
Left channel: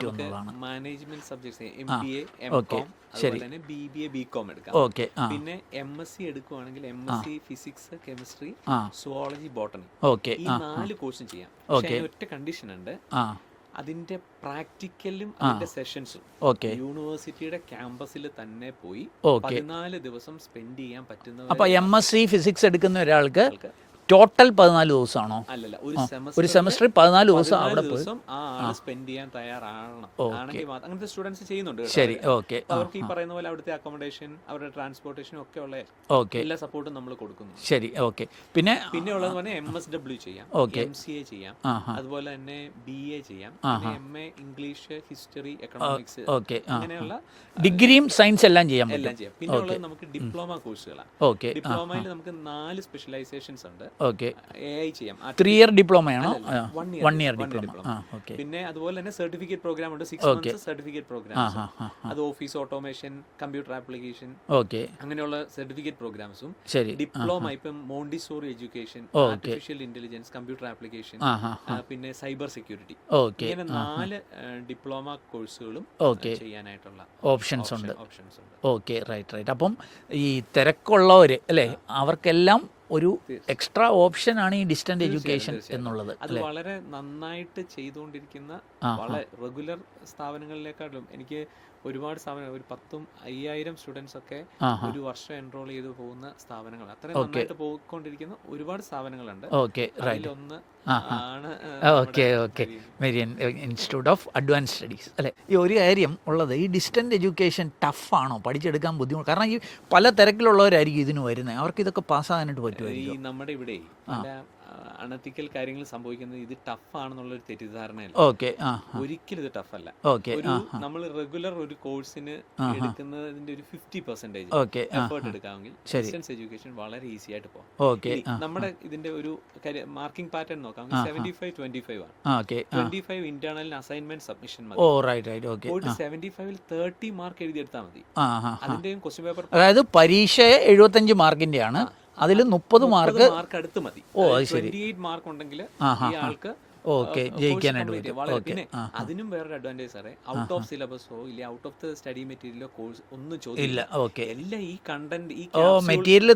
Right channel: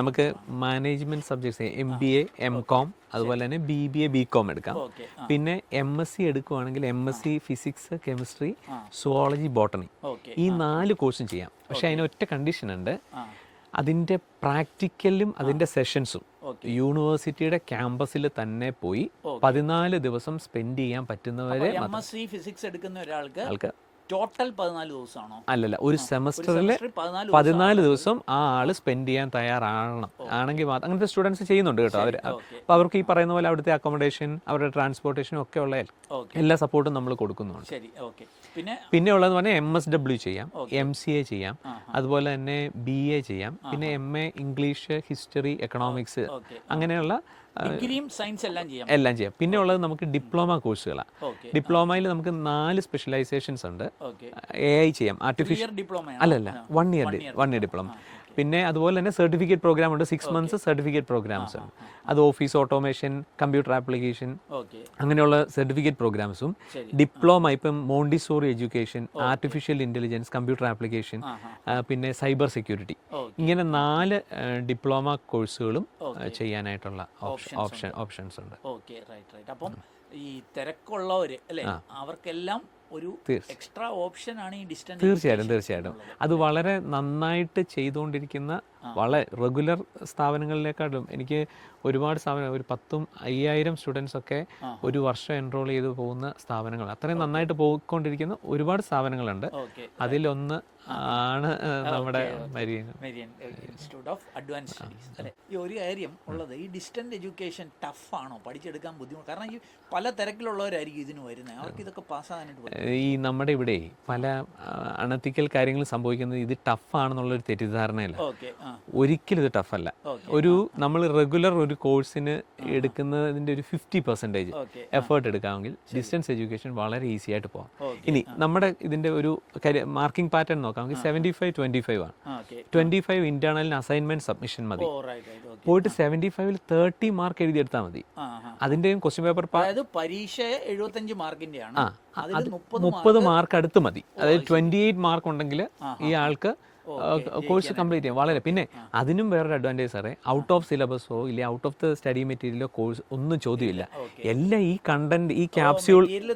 നമുക്ക് മാനേജ്മെന്റ് സബ്ജക്ട്സ് MBA MCOM അതുപോലെ തന്നെ BBA BCom എടുക്കാം. ഓക്കെ. പിന്നെ MSc എടുക്കുവാണെങ്കിൽ MSc physics chemistry zoology botany, okay, ഈ 4 കോഴ്സും ചെയ്യാം. പക്ഷെ അതിന് ഒറ്റ കണ്ടീഷൻ ഉണ്ട്, അതിന്റെ പ്രാക്ടിക്കലും അതിന്റെ സെഷൻസും യൂണിവേഴ്സിറ്റിയുടെ ക്യാമ്പസിൽ തന്നെ പോയി 14 ദിവസം സ്പെൻഡ് ചെയ്യാൻ പറ്റുന്നവർ. അപ്പോൾ MSc ഫിസിക്സ് എടുക്കുന്ന ഒരാൾക്ക് ടോട്ടൽ 14 ദിവസമാണോ? അല്ലല്ല, ഒരു സെമസ്റ്റർ 14 ദിവസം ആ ആള് സ്പെൻഡ് ചെയ്യാൻ തയ്യാറാകണം. ആണെങ്കിൽ അങ്ങനത്തെ സ്റ്റുഡൻസ് ചെയ്യുന്നുണ്ട് കേട്ടോ. അപ്പൊ അവർക്ക് ഈ പറയുന്ന പോലെ അവിടുത്തെ അക്കോമഡേഷൻ, അവരുടെ ട്രാൻസ്പോർട്ടേഷനും ഒക്കെ ഉള്ള എല്ലാ സപ്പോർട്ടും നമ്മൾ കൊടുക്കുന്നുണ്ട്. ശരി, ഓക്കെ. പിന്നെ ഉള്ളതെന്ന് പറഞ്ഞാൽ MSW ചെയ്യാം, MCA ചെയ്യാം, അതുപോലെ തന്നെ BA ചെയ്യാം, പിന്നെ MA ഇംഗ്ലീഷ്, ഹിസ്റ്ററി, എക്കണോമിക്സ്, അങ്ങനെയുള്ള ഡിഗ്രിയും സയൻസ് എല്ലാം ചെയ്യാം. പിന്നെ ഉള്ളത് നമുക്ക് ഡിപ്ലോമ കോഴ്സുകളാണ്. ഡിപ്ലോമയിൽ നമുക്ക് 4 സ്പെഷ്യലൈസേഷൻസ് ഉണ്ട്. AI ചെയ്യാം, 3 ഇയർ ഡിപ്ലോമയാണ്. അല്ലല്ല, 1 ഇയർ ഡിപ്ലോമ. പിന്നെ അതുപോലെ തന്നെ സർട്ടിഫിക്കറ്റ് പ്രോഗ്രാം ഉണ്ട്, 6 മന്ത്സ് സർട്ടിഫിക്കറ്റ് പ്രോഗ്രാംസ്. അത് ഓഫീസ് ഓട്ടോമേഷൻ, കമ്പ്യൂട്ടർ ആപ്ലിക്കേഷൻ, അങ്ങനെയുള്ള സർട്ടിഫിക്കറ്റ് പ്രോഗ്രാംസും. ഡിപ്ലോമ ഇപ്പം Montessori education, artificial intelligence, computer application, പിന്നെ സൈബർ സെക്യൂരിറ്റി, ഇങ്ങനെ 4 ഡിപ്ലോമ കോഴ്സുകളും ചെയ്യാനായിട്ടുള്ള ഓപ്ഷൻസ് ഉണ്ട്. Okay, right. അപ്പം ഈ തിരക്കുള്ളവർ അല്ലേ, അവർക്കെല്ലാം ഒരു എക്സ്ട്രാ ഓപ്ഷൻ ആണ് ഈ ഡിസ്റ്റന്റ് എഡ്യൂക്കേഷൻ എന്നുള്ളത്. അത് വളരെ നന്നായിട്ട് ചെയ്തുകൊണ്ടിരിക്കുന്ന വളരെ റെഗുലർ സ്ഥാപനങ്ങളിലേക്കാളും എനിക്ക് ഒരുപാട് സ്ഥാപനം, ഒരു 10,000 സ്റ്റുഡൻസ് ഒക്കെ ഒരു വർഷം എൻറോൾ ചെയ്ത് പോകുന്ന സ്ഥാപനങ്ങൾ, അത്രയും നന്നായിട്ട് പോയിക്കൊണ്ടിരിക്കുന്ന ഒരുപാട് സ്ഥാപനങ്ങളുണ്ട്. അതിലൊന്ന് ആണ് Marion institute of advance studies അല്ലേ? ഈ ഒരു കാര്യം ഉള്ളത്, ഈ ഡിസ്റ്റന്റ് എഡ്യൂക്കേഷൻ ടഫാണോ, പഠിച്ചെടുക്കാൻ ബുദ്ധിമുട്ട്? കാരണം ഈ പല തിരക്കിലുള്ളവരായിരിക്കും ഇതിന് വരുന്നത്, അവർക്ക് ഇതൊക്കെ പാസ്സാകാനായിട്ട് പറ്റും. ഈ നമ്മുടെ ഇവിടെ പല അണത്തിക്കൽ കാര്യങ്ങൾ സംഭവിക്കുന്നത് ഇത് ടഫാണെന്നുള്ളൊരു തെറ്റിദ്ധാരണയല്ല. ഒരിക്കലും ഇത് ടഫല്ല. ഒരു നമ്മൾ റെഗുലർ ഒരു കോഴ്സിന് എടുക്കുന്നതിന്റെ ഒരു 50% എഫേർട്ട് എടുക്കാമെങ്കിൽ ഡിസ്റ്റൻസ് എഡ്യൂക്കേഷൻ വളരെ ഈസി ആയിട്ട് പോകും. ഇനി നമ്മുടെ ഇതിന്റെ ഒരു മാർക്കിംഗ് പാറ്റേൺ നോക്കാം, 75-25 ആണ്. 25 ഇന്റേണലിന് അസൈൻമെന്റ് സബ്മിഷൻ മതി. പോയിട്ട് 75-ൽ 30 മാർക്ക് എഴുതിയെടുത്താൽ മതി. അതിന്റെയും ക്വസ്റ്റ്യൻ പേപ്പർ, അതായത് പരീക്ഷ 75 മാർക്കിന്റെയാണ്, അതിൽ 30 മാർക്ക് അടുത്ത് മതി. 28 മാർക്ക് ഉണ്ടെങ്കിൽ ഈ ആൾക്ക് കോഴ്സ് കംപ്ലീറ്റ് ചെയ്യാം. വളരെ പിന്നെ അതിനും വേറൊരു അഡ്വാൻറ്റേജ് സാറേ, ഔട്ട് ഓഫ് സിലബസോ ഇല്ല ഔട്ട് ഓഫ് ദ സ്റ്റഡി മെറ്റീരിയലോ കോഴ്സ് ഒന്നും ചോദ്യമില്ല. എല്ലാം ഈ കണ്ടന്റ്, ഈ മെറ്റീരിയൽ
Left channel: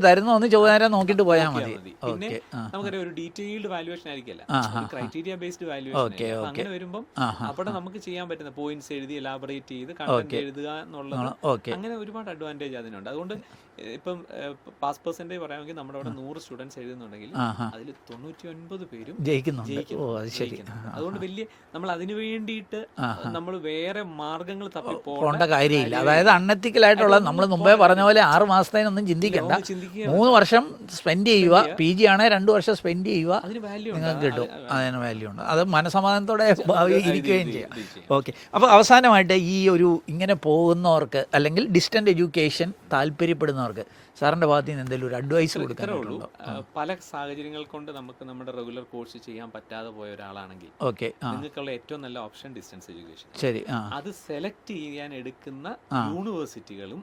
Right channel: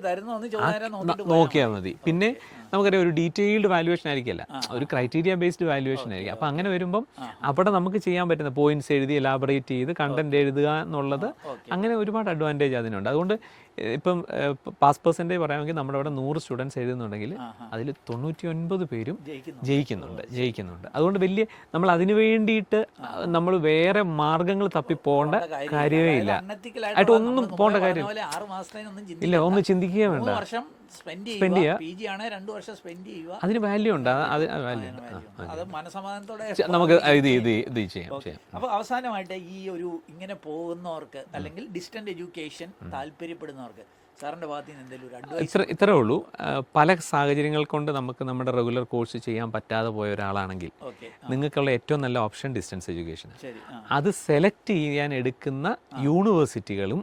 നോക്കിയിട്ട് പോയാൽ മതി. പിന്നെ നമുക്കറിയാം ഒരു ഡീറ്റെയിൽഡ് വാല്യുവേഷൻ ആയിരിക്കില്ല, ഒരു ക്രൈറ്റീരിയ ബേസ്ഡ് വാല്യുവേഷൻ ആയിരിക്കും. അപ്പൊ അങ്ങനെ വരുമ്പോൾ അവിടെ നമുക്ക് ചെയ്യാൻ പറ്റുന്ന പോയിന്റ്സ് എഴുതി എലാബറേറ്റ് ചെയ്ത് കണ്ടന്റ് എഴുതുക എന്നുള്ളത്, അങ്ങനെ ഒരുപാട് അഡ്വാൻറ്റേജ് അതിനുണ്ട്. അതുകൊണ്ട് ഇപ്പം പാസ് പെർസെന്റേജ് പറയാമെങ്കിൽ നമ്മുടെ അവിടെ 100 സ്റ്റുഡൻസ് എഴുതുന്നുണ്ടെങ്കിൽ അതിൽ 99 പേരും ജയിക്കുന്നുണ്ട്. അതുകൊണ്ട് വലിയ നമ്മൾ അതിനു വേണ്ടിയിട്ട് നമ്മൾ വേറെ മാർഗങ്ങൾ തപ്പി പോകേണ്ട കാര്യമില്ല. അതായത് അൺഎത്തിക്കലായിട്ടുള്ള, നമ്മൾ മുമ്പേ പറഞ്ഞ പോലെ 6 മാസത്തേനൊന്നും ചിന്തിക്കുക, 3 വർഷം സ്പെൻഡ് ചെയ്യുക, PG ആണെ 2 വർഷം സ്പെൻഡ് ചെയ്യുക, അതിന് വാല്യൂ ഉണ്ട്. അതിന് വാല്യൂ ഉണ്ട്. അത് മനസമാധാനത്തോടെ. ഓക്കെ. അപ്പോൾ അവസാനമായിട്ട് ഈ ഒരു ഇങ്ങനെ പോകുന്നവർക്ക് അല്ലെങ്കിൽ ഡിസ്റ്റന്റ് എഡ്യൂക്കേഷൻ താല്പര്യപ്പെടുന്ന സാറിന്റെ ഭാഗത്ത് നിന്ന് എന്തെങ്കിലും ഒരു അഡ്വൈസ്? ഇത്രേ ഉള്ളൂ, പല സാഹചര്യങ്ങൾ കൊണ്ട് നമുക്ക് നമ്മുടെ റെഗുലർ കോഴ്സ് ചെയ്യാൻ പറ്റാതെ പോയ ഒരാളാണെങ്കിൽ നിങ്ങൾക്കുള്ള ഏറ്റവും നല്ല ഓപ്ഷൻ ഡിസ്റ്റൻസ് എഡ്യൂക്കേഷൻ. ശരി. അത് സെലക്ട് ചെയ്യാൻ എടുക്കുന്ന യൂണിവേഴ്സിറ്റികളും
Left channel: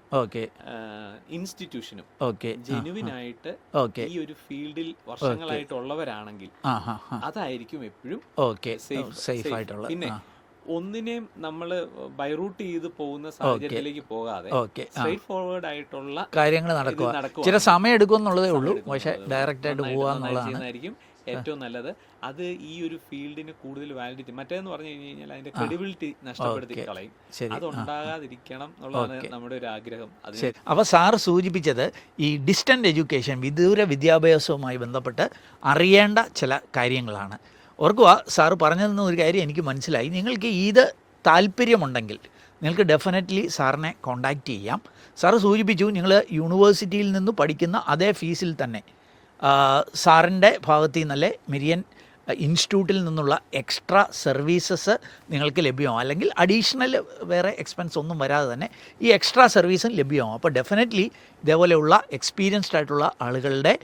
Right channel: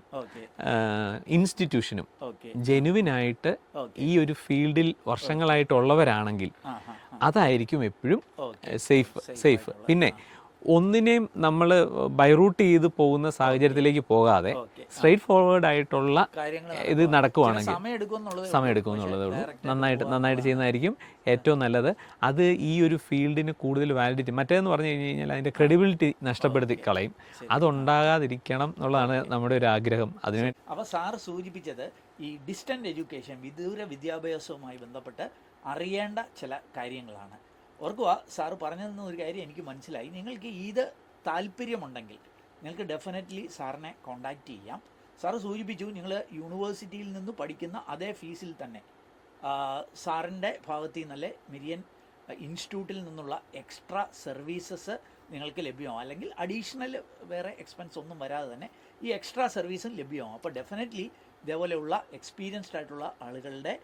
ഇൻസ്റ്റിറ്റ്യൂഷനും ജെനുവിൻ ആയിട്ട് ഈ ഒരു ഫീൽഡിൽ വർഷങ്ങളായിട്ടുള്ളവരാണെങ്കിൽ അതായിരിക്കും എപ്പോഴും സേഫ്. പിന്നെ ഒന്നിനെയും നമ്മൾ ബൈറൂട്ട് ചെയ്ത് പോകുന്ന സാഹചര്യത്തിലേക്ക് പോകാതെ സ്ട്രേറ്റ് ഫോർവേഡ് ആയിട്ടുള്ള കാര്യങ്ങൾ ഇത് നടക്കുക, ചില സമയം എടുക്കുമെന്നുള്ളത് നന്നായിട്ട് ചെയ്യുന്നതായിരിക്കും ഏറ്റവും നല്ലത്. അത് ഈ ഒരു ഫീൽഡിന് കൂടുതൽ വാലിഡിറ്റി, മറ്റേതെന്ന് പറഞ്ഞു കഴിഞ്ഞാൽ അതിന്റെ ക്രെഡിബിലിറ്റി നഷ്ടപ്പെടുത്തി കളയും. അതുണ്ടാകാതിരിക്കണം എന്നുള്ളതാണ് നമ്മുടെ ഒരു ആഗ്രഹം. അതിന് അപ്പോൾ സാർ സൂചിപ്പിച്ചത് ഈ ഡിസ്റ്റന്റ് എഡ്യൂക്കേഷൻ, വിദൂര വിദ്യാഭ്യാസവുമായി ബന്ധപ്പെട്ട് അറിയേണ്ട ചില കാര്യങ്ങളാണ്. ഓർക്കുക, സാറ് പറഞ്ഞതെന്ന് ഒരു കാര്യം എനിക്ക് മനസ്സിലായി. നിങ്ങൾക്ക് ഇത് താല്പര്യമുണ്ടെങ്കിൽ നിങ്ങൾക്ക് ഡെഫിനറ്റ്ലി സാറിനെ കോണ്ടാക്റ്റ് ചെയ്യാം. സാറ് സൂചിപ്പിച്ചു നിങ്ങൾ യൂണിവേഴ്സിറ്റിയിൽ നിന്ന് പഠിക്കുന്ന അതേ ഫീസിൽ തന്നെ സാറിൻ്റെ ഭാഗത്തു നിന്നല്ലേ മെരിയൻ ഇൻസ്റ്റിറ്റ്യൂട്ടിൽ നിന്നുള്ള എക്സ്ട്രാ സർവീസസ് നിങ്ങൾക്ക് ലഭ്യമാവും. അല്ലെങ്കിൽ അഡീഷണൽ വേറെ എക്സ്പെൻസ് ഒന്നും വരാതെ തന്നെ ഈ എക്സ്ട്രാ സർവീസും ലഭ്യമാവും. അപ്പോൾ ഡെഫിനറ്റ്ലി ഇതേപോലെയുള്ള എക്സ്പീരിയൻസ്ഡ് ആയിട്ടുള്ള ആളുകളുടെ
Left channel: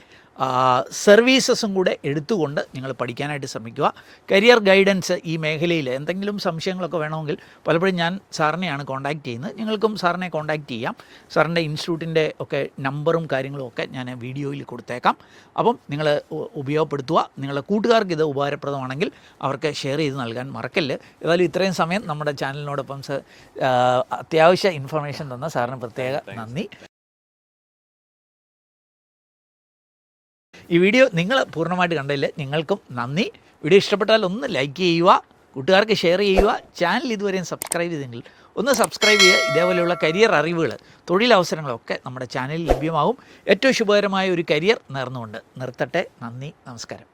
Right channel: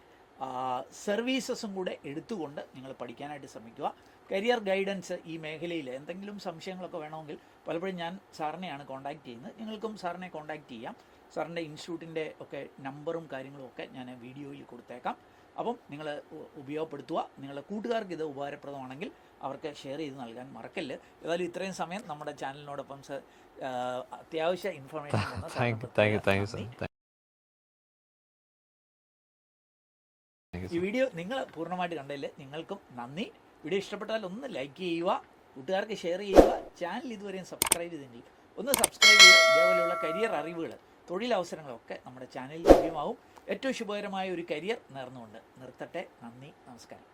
സർവീസസും കൂടെ എടുത്തുകൊണ്ട് നിങ്ങൾ പഠിക്കാനായിട്ട് ശ്രമിക്കുക. കരിയർ ഗൈഡൻസ് ഈ മേഖലയിൽ എന്തെങ്കിലും സംശയങ്ങളൊക്കെ വേണമെങ്കിൽ പലപ്പോഴും ഞാൻ സാറിനെയാണ് കോൺടാക്റ്റ് ചെയ്യുന്നത്. നിങ്ങൾക്കും സാറിനെ കോൺടാക്റ്റ് ചെയ്യാം. സാറിൻ്റെ ഇൻസ്റ്റിറ്റ്യൂട്ടിൻ്റെ ഒക്കെ നമ്പറും കാര്യങ്ങളും ഒക്കെ ഞാൻ വീഡിയോയിൽ കൊടുത്തേക്കാം. അപ്പം നിങ്ങൾ ഉപയോഗപ്പെടുത്തുക. നിങ്ങളുടെ കൂട്ടുകാർക്ക് ഇത് ഉപകാരപ്രദമാണെങ്കിൽ അവർക്ക് ഷെയർ ചെയ്ത് നൽകാൻ മറക്കല്ല്. ഏതായാലും ഇത്രയും സമയം നമ്മുടെ ചാനലിനോടൊപ്പം അത്യാവശ്യ ഇൻഫർമേഷൻ തന്ന സാറിന് പ്രത്യേക നന്ദി. ഈ വീഡിയോ നിങ്ങൾ പൂർണ്ണമായിട്ട് കണ്ടതിൽ നിങ്ങൾക്കും നന്ദി. വീഡിയോ ഇഷ്ടപ്പെട്ടാൽ ഒന്ന് ലൈക്ക് ചെയ്യുക, കൂട്ടുകാർക്ക് ഷെയർ ചെയ്യുക. ചാനൽ ഇതുവരെയും സബ്സ്ക്രൈബ് ചെയ്തെങ്കിൽ ഒന്ന് സബ്സ്ക്രൈബ് ചെയ്യുക. ഇതേപോലെയുള്ള കരിയർ അറിവുകൾ, തൊഴിലവസരങ്ങളൊക്കെ നമ്മുടെ ചാനലിൽ ലഭ്യമാകും. ഏറ്റവും ശുഭകരമായ ഒരു കരിയർ നേർന്നുകൊണ്ട് നിർത്തട്ടെ. നന്ദി, നമസ്കാരം.